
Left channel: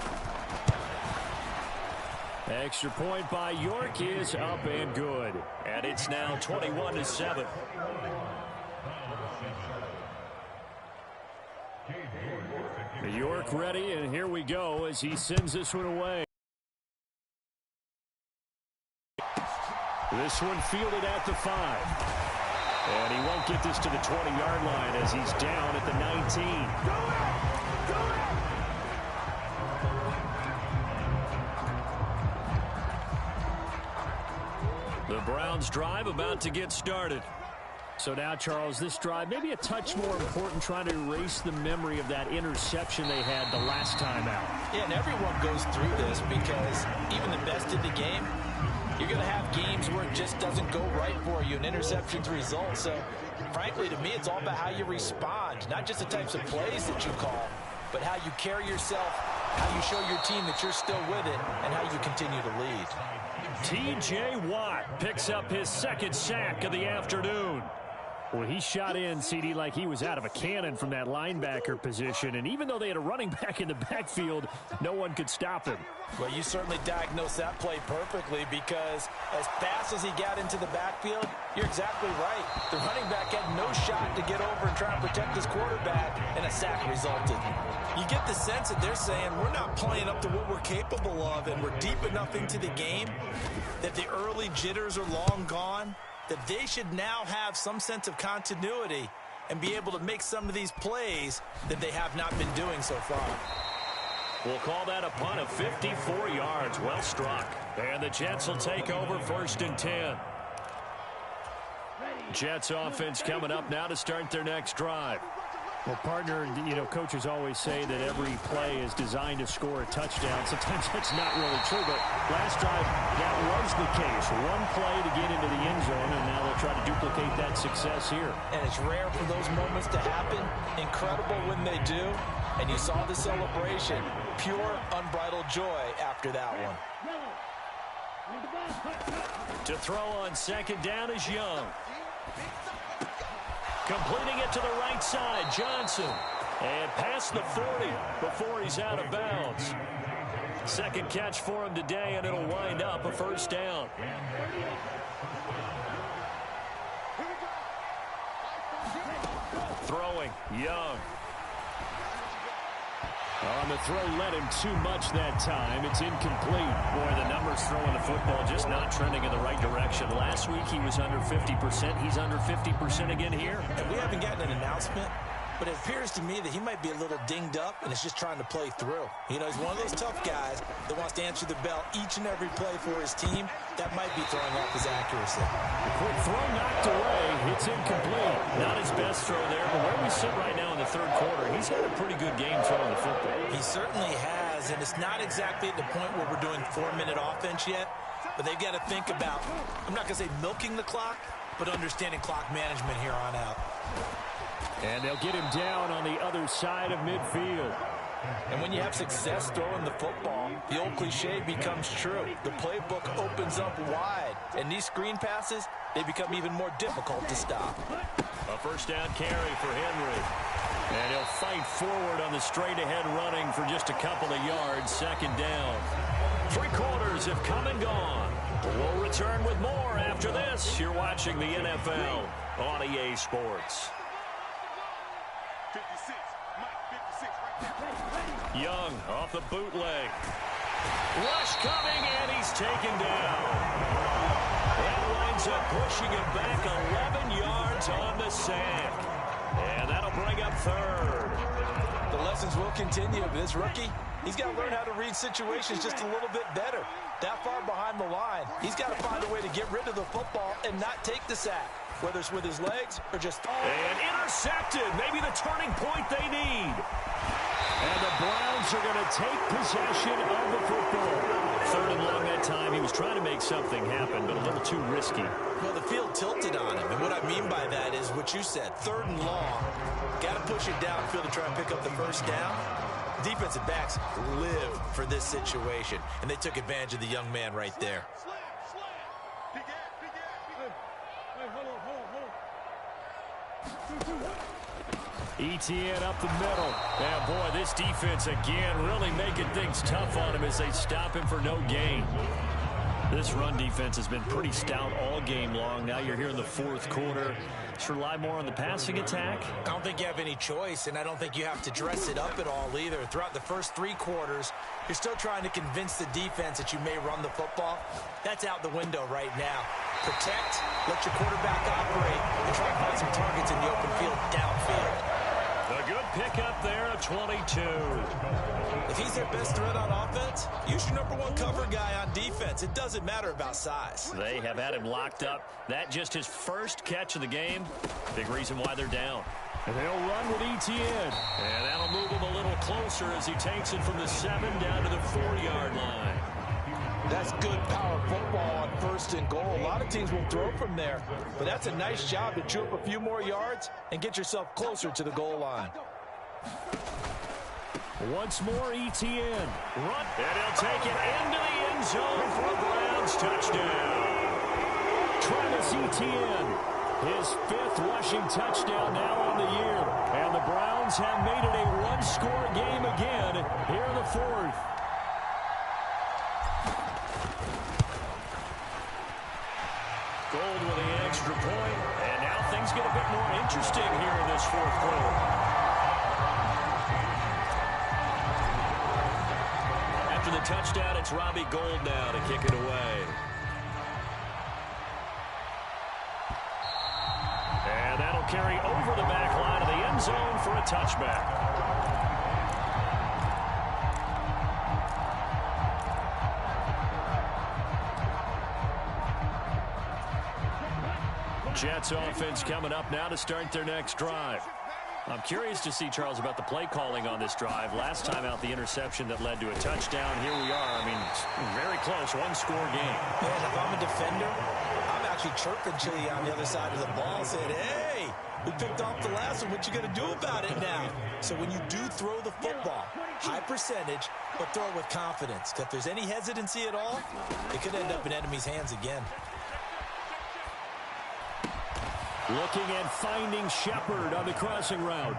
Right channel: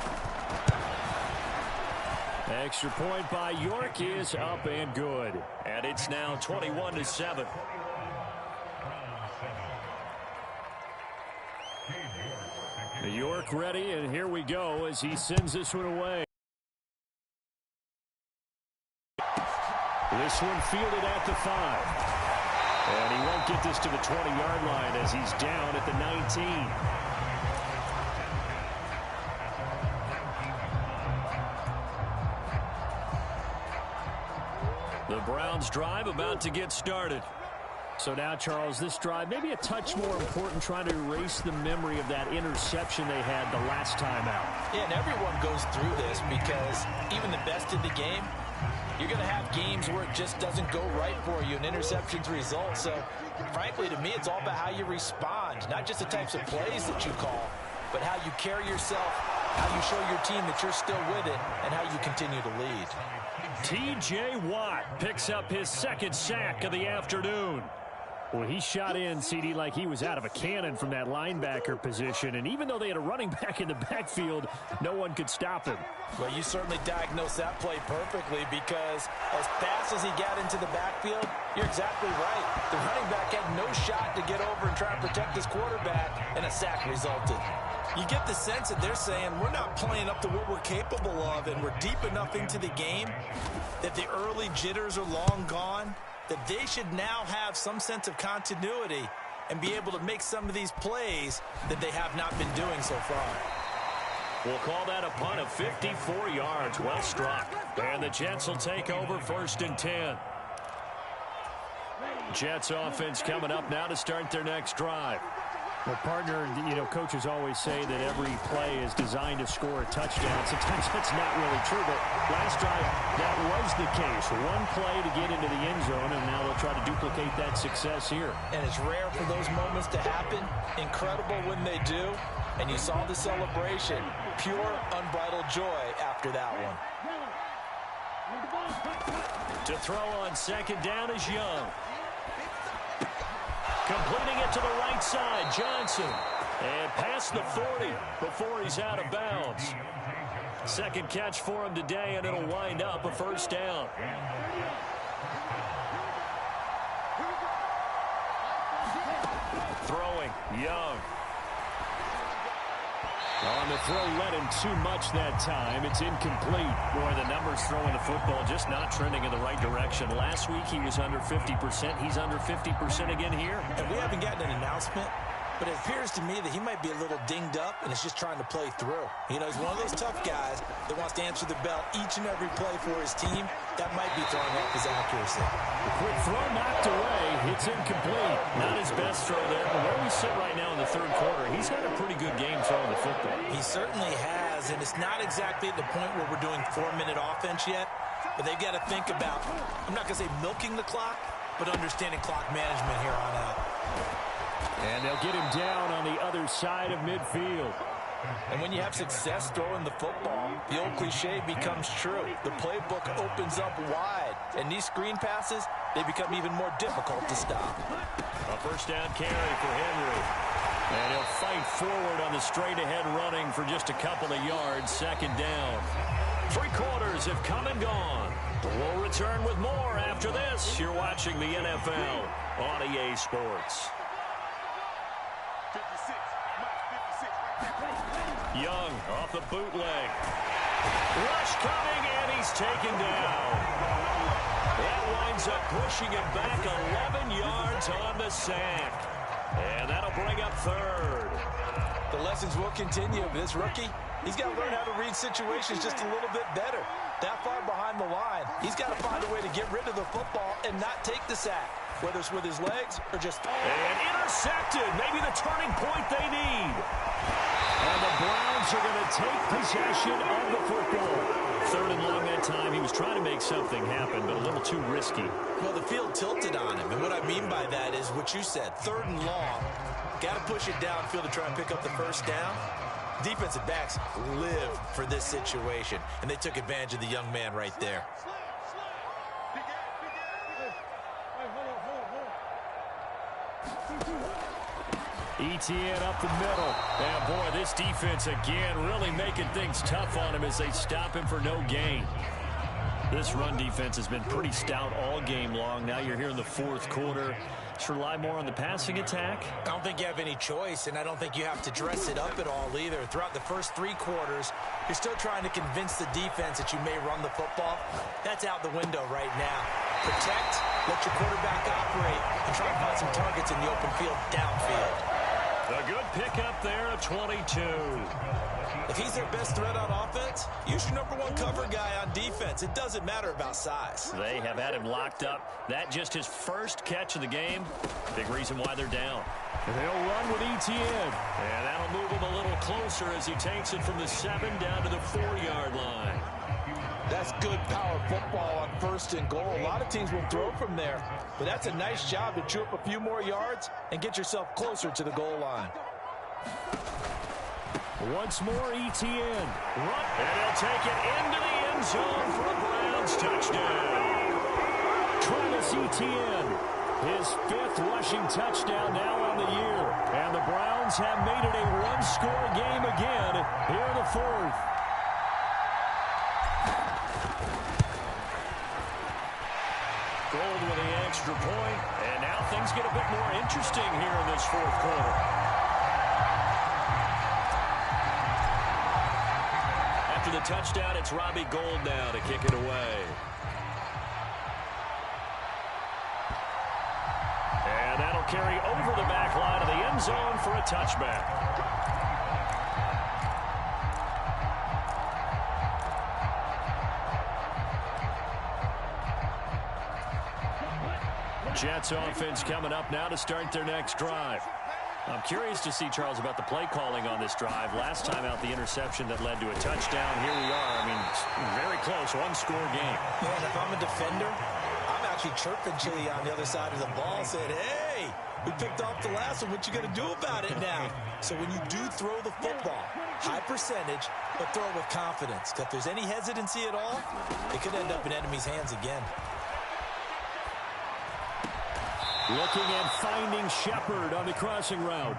Extra point by York is up and good. And it's now 21-7. York ready, and here we go as he sends this one away. This one fielded at the 5. And he won't get this to the 20-yard line as he's down at the 19. The Browns drive about to get started. So now, Charles, this drive maybe a touch more important, trying to erase the memory of that interception they had the last time out. Yeah, and everyone goes through this because even the best in the game, you're going to have games where it just doesn't go right for you and interceptions result. So, frankly, to me, it's all about how you respond, not just the types of plays that you call, but how you carry yourself, how you show your team that you're still with it, and how you continue to lead. T.J. Watt picks up his 2nd sack of the afternoon. Well, he shot in, CD, like he was out of a cannon from that linebacker position. And even though they had a running back in the backfield, no one could stop him. Well, you certainly diagnosed that play perfectly because as fast as he got into the backfield, you're exactly right. The running back had no shot to get over and try and protect his quarterback, and a sack resulted. You get the sense that they're saying we're not playing up to what we're capable of, and we're deep enough into the game that the early jitters are long gone, that they should now have some sense of continuity and be able to make some of these plays that they have not been doing so far. We'll call that a punt of 54 yards. Well struck. And the Jets will take over 1st and 10. Jets offense coming up now to start their next drive. Well, partner, coaches always say that every play is designed to score a touchdown. Sometimes that's not really true, but last drive, that was the case. One play to get into the end zone, and now they'll try to duplicate that success here. And it's rare for those moments to happen. Incredible when they do. And you saw the celebration. Pure, unbridled joy after that one. To throw on 2nd down is Young. Completing it to the right side, Johnson. And past the 40 before he's out of bounds. 2nd catch for him today, and it'll wind up a 1st down. Throwing, Young. On the throw, led him too much that time. It's incomplete. Boy, the numbers throwing the football just not trending in the right direction. Last week he was under 50%. He's under 50% again here. And we haven't gotten an announcement, but it appears to me that he might be a little dinged up and is just trying to play through. He's one of those tough guys that wants to answer the bell each and every play for his team. That might be throwing off his accuracy. The quick throw knocked away. It's incomplete. Not his best throw there, but where we sit right now in the 3rd quarter, he's had a pretty good game throwing the football. He certainly has, and it's not exactly at the point where we're doing 4-minute offense yet, but they've got to think about, I'm not going to say milking the clock, but understanding clock management here on out. And they'll get him down on the other side of midfield. And when you have success throwing the football, the old cliche becomes true. The playbook opens up wide, and these screen passes, they become even more difficult to stop. A 1st down carry for Henry. And he'll fight forward on the straight-ahead running for just a couple of yards. 2nd down. 3 quarters have come and gone. We'll return with more after this. You're watching the NFL on EA Sports. 56, Mike, 56, right there. Young off the bootleg. Rush coming, and he's taken down. That winds up pushing him back 11 yards on the sack. And that'll bring up 3rd. The lessons will continue. This rookie, he's got to learn how to read situations just a little bit better. That far behind the line, he's got to find a way to get rid of the football and not take the sack, whether it's with his legs or just... And intercepted. Maybe the turning point they need. And the Browns are going to take possession of the football. 3rd and long that time. He was trying to make something happen, but a little too risky. Well, the field tilted on him. And what I mean by that is what you said. 3rd and long. Got to push it downfield to try and pick up the first down. Defensive backs live for this situation. And they took advantage of the young man right there. Etienne up the middle. And, boy, this defense, again, really making things tough on him as they stop him for no gain. This run defense has been pretty stout all game long. Now you're here in the 4th quarter. Just rely more on the passing attack. I don't think you have any choice, and I don't think you have to dress it up at all either. Throughout the first 3 quarters, you're still trying to convince the defense that you may run the football. That's out the window right now. Protect, let your quarterback operate, and try and find some targets in the open field downfield. A good pickup there at 22. If he's their best threat on offense, use your #1 cover guy on defense. It doesn't matter about size. They have had him locked up. That just his first catch of the game. Big reason why they're down. And they'll run with Etienne. And that'll move him a little closer as he takes it from the 7 down to the 4-yard line. That's good power football on 1st and goal. A lot of teams will throw from there, but that's a nice job to chew up a few more yards and get yourself closer to the goal line. Once more, Etienne. Run, and he'll take it into the end zone for a Browns touchdown. Travis Etienne, his 5th rushing touchdown now on the year. And the Browns have made it a 1-score game again here in the 4th. Gold with the extra point, and now things get a bit more interesting here in this 4th quarter. After the touchdown, it's Robbie Gould now to kick it away. And that'll carry over the back line of the end zone for a touchback. Jets offense coming up now to start their next drive. I'm curious to see, Charles, about the play calling on this drive. Last time out, the interception that led to a touchdown. Here we are. I mean, very close, 1-score game. Yeah, and if I'm a defender, I'm actually chirping Chili on the other side of the ball, saying, hey, we picked off the last one. What you going to do about it now? So when you do throw the football, high percentage, but throw it with confidence. If there's any hesitancy at all, it could end up in enemy's hands again. Looking and finding Shepard on the crossing route.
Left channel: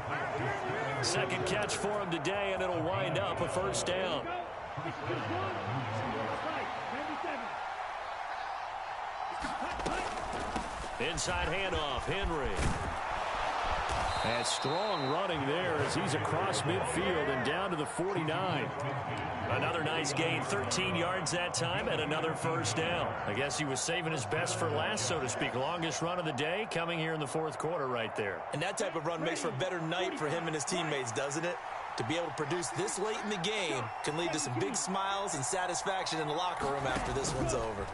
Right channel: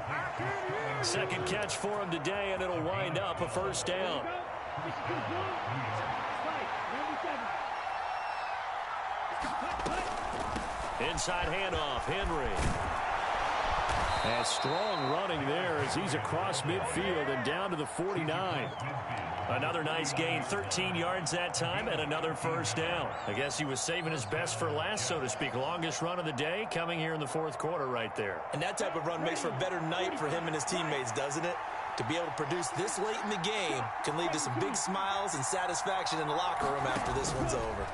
2nd catch for him today, and it'll wind up a 1st down. Inside handoff, Henry. And strong running there as he's across midfield and down to the 49. Another nice gain, 13 yards that time, and another 1st down. I guess he was saving his best for last, so to speak. Longest run of the day coming here in the 4th quarter right there. And that type of run makes for a better night for him and his teammates, doesn't it? To be able to produce this late in the game can lead to some big smiles and satisfaction in the locker room after this one's over.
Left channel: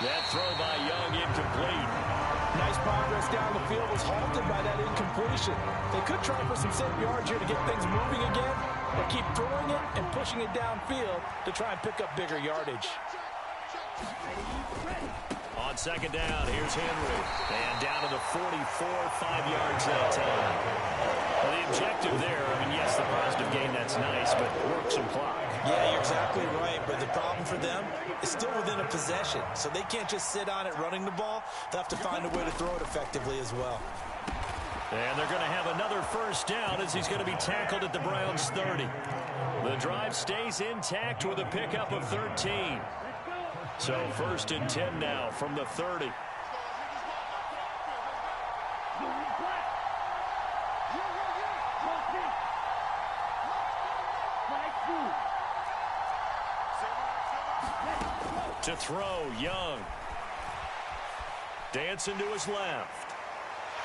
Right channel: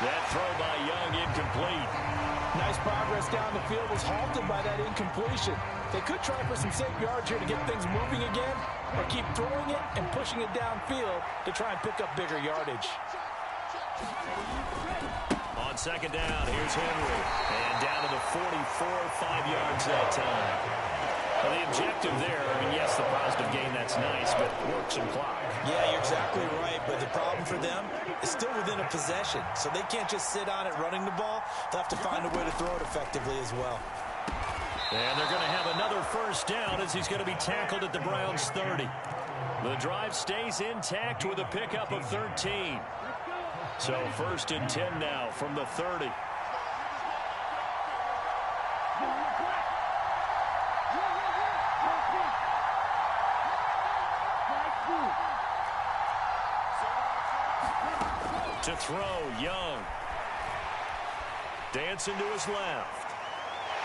That throw by Young incomplete. Nice progress down the field was halted by that incompletion. They could try for some safe yards here to get things moving again, or keep throwing it and pushing it downfield to try and pick up bigger yardage. On 2nd down, here's Henry. And down to the 44, 5 yards that time. Well, the objective there, I mean, yes, the positive gain, that's nice, but work some clock. Yeah, you're exactly right, but the problem for them is still within a possession, so they can't just sit on it running the ball. They'll have to find a way to throw it effectively as well. And they're going to have another 1st down as he's going to be tackled at the Browns' 30. The drive stays intact with a pickup of 13. So 1st and 10 now from the 30. To throw, Young. Dancing to his left.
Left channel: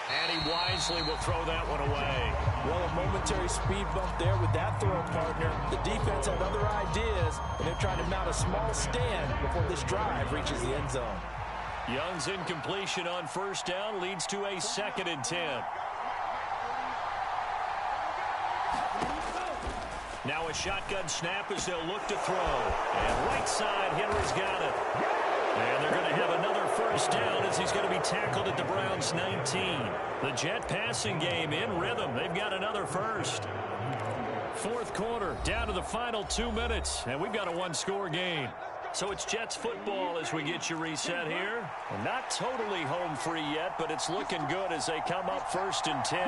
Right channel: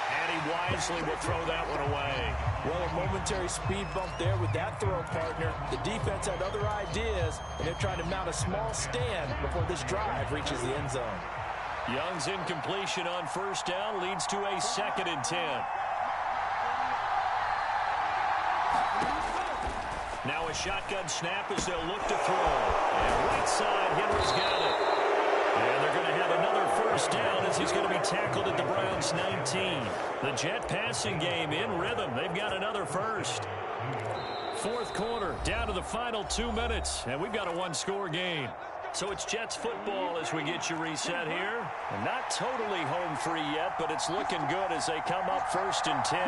And he wisely will throw that one away. Well, a momentary speed bump there with that throw, partner. The defense had other ideas, and they're trying to mount a small stand before this drive reaches the end zone. Young's incompletion on 1st down leads to a 2nd and 10. Now a shotgun snap as they'll look to throw. And right side, Henry's got it. And they're going to have another first down as he's going to be tackled at the Browns' 19. The Jet passing game in rhythm. They've got another first. Fourth quarter, down to the final 2 minutes, and we've got a one-score game. So it's Jets football as we get you reset here. And not totally home free yet, but it's looking good as they come up 1st and 10.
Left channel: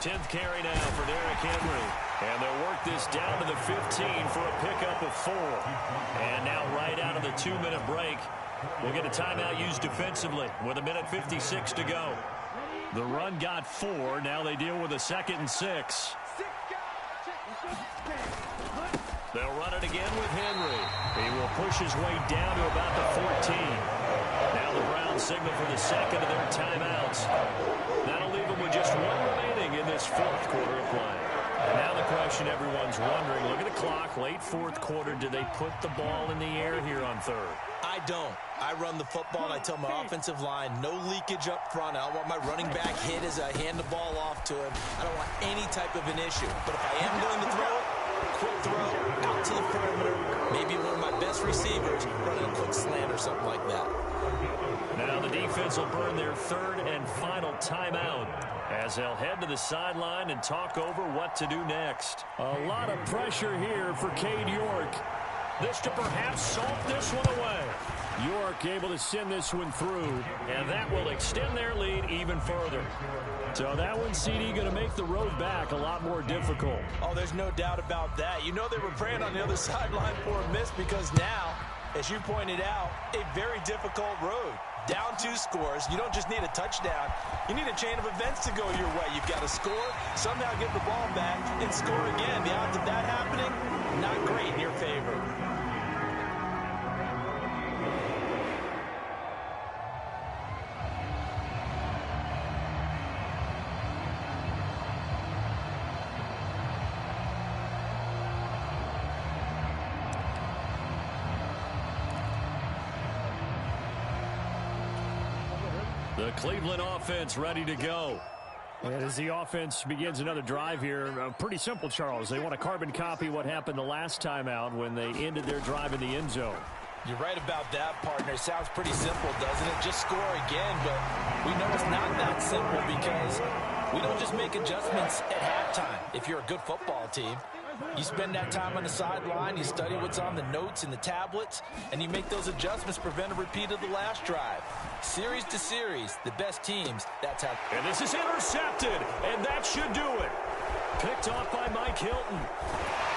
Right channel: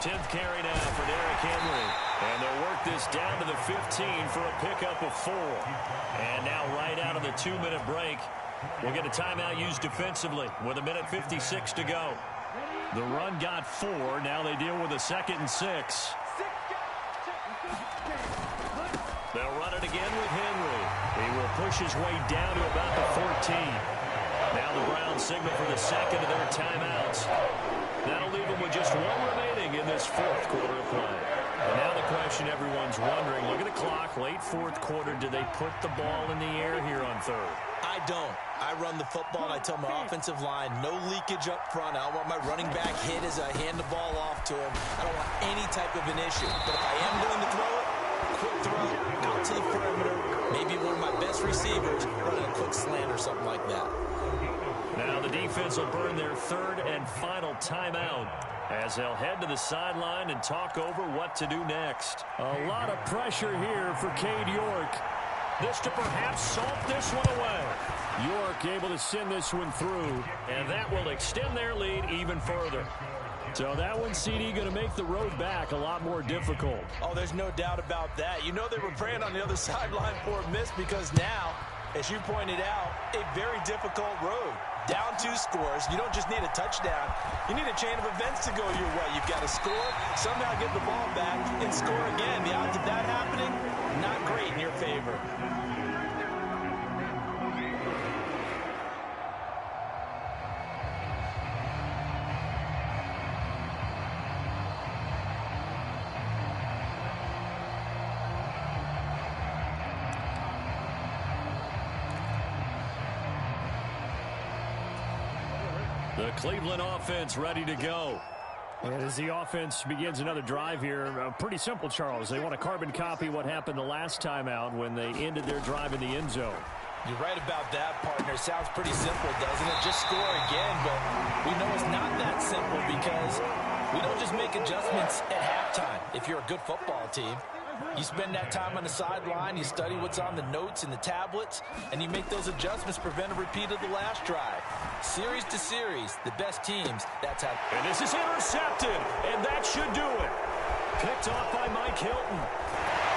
10th carry now for Derrick Henry. And they'll work this down to the 15 for a pickup of 4. And now right out of the 2-minute break, we'll get a timeout used defensively with 1:56 to go. The run got 4. Now they deal with a 2nd and 6. They'll run it again with Henry. He will push his way down to about the 14. Now the Browns signal for the second of their timeouts. That'll leave them with just 1 remaining in this 4th quarter of play. And now the question everyone's wondering, look at the clock, late 4th quarter, do they put the ball in the air here on 3rd? I don't. I run the football, and I tell my offensive line, no leakage up front. I don't want my running back hit as I hand the ball off to him. I don't want any type of an issue. But if I am going to throw it, quick throw, out to the perimeter, maybe one of my best receivers running a quick slant or something like that. Now the defense will burn their 3rd and final timeout as they'll head to the sideline and talk over what to do next. A lot of pressure here for Cade York. This to perhaps salt this one away. York able to send this one through, and that will extend their lead even further. So that one, CD, going to make the road back a lot more difficult. Oh, there's no doubt about that. You know they were praying on the other sideline for a miss because now, as you pointed out, a very difficult road. Down 2 scores. You don't just need a touchdown. You need a chain of events to go your way. You've got to score, somehow get the ball back, and score again. The odds of that happening, not great in your favor. The Cleveland offense ready to go. And as the offense begins another drive here, pretty simple, Charles. They want to carbon copy what happened the last time out when they ended their drive in the end zone. You're right about that, partner. Sounds pretty simple, doesn't it? Just score again, but we know it's not that simple because we don't just make adjustments at halftime if you're a good football team. You spend that time on the sideline, you study what's on the notes and the tablets, and you make those adjustments to prevent a repeat of the last drive. Series to series, the best teams, that's how. And this is intercepted, and that should do it. Picked off by Mike Hilton.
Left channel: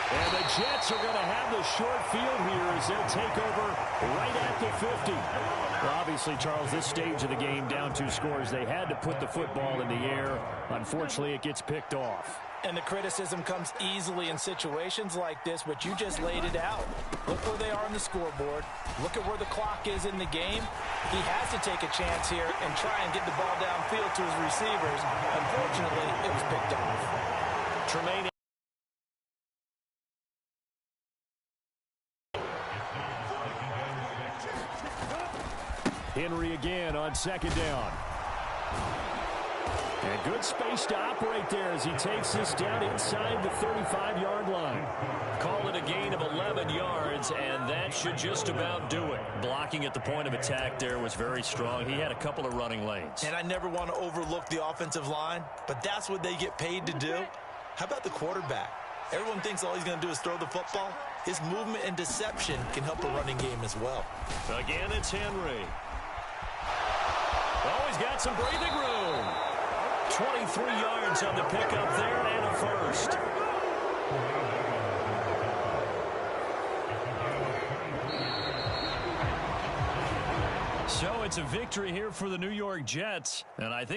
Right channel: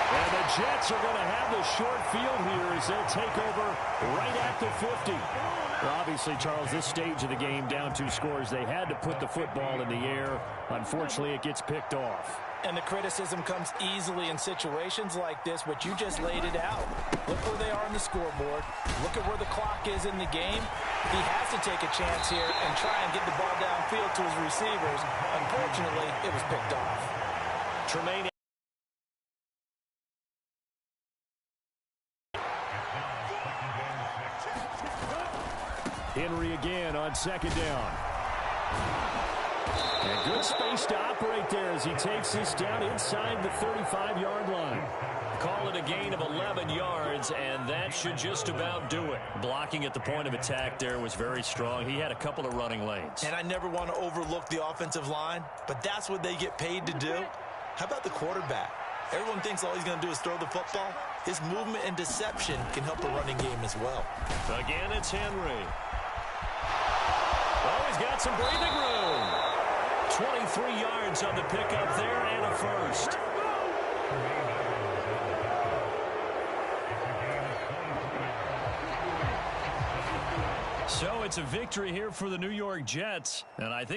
And the Jets are going to have the short field here as they'll take over right at the 50. Well, obviously, Charles, this stage of the game, down 2 scores, they had to put the football in the air. Unfortunately, it gets picked off. And the criticism comes easily in situations like this, but you just laid it out. Look where they are on the scoreboard. Look at where the clock is in the game. He has to take a chance here and try and get the ball downfield to his receivers. Unfortunately, it was picked off. Tremaine. Henry again on 2nd down. And good space to operate there as he takes this down inside the 35-yard line. Call it a gain of 11 yards, and that should just about do it. Blocking at the point of attack there was very strong. He had a couple of running lanes. And I never want to overlook the offensive line, but that's what they get paid to do. How about the quarterback? Everyone thinks all he's going to do is throw the football. His movement and deception can help a running game as well. Again, it's Henry. Oh, he's got some breathing room. 23 yards on the pickup there and a first. So it's a victory here for the New York Jets, and I think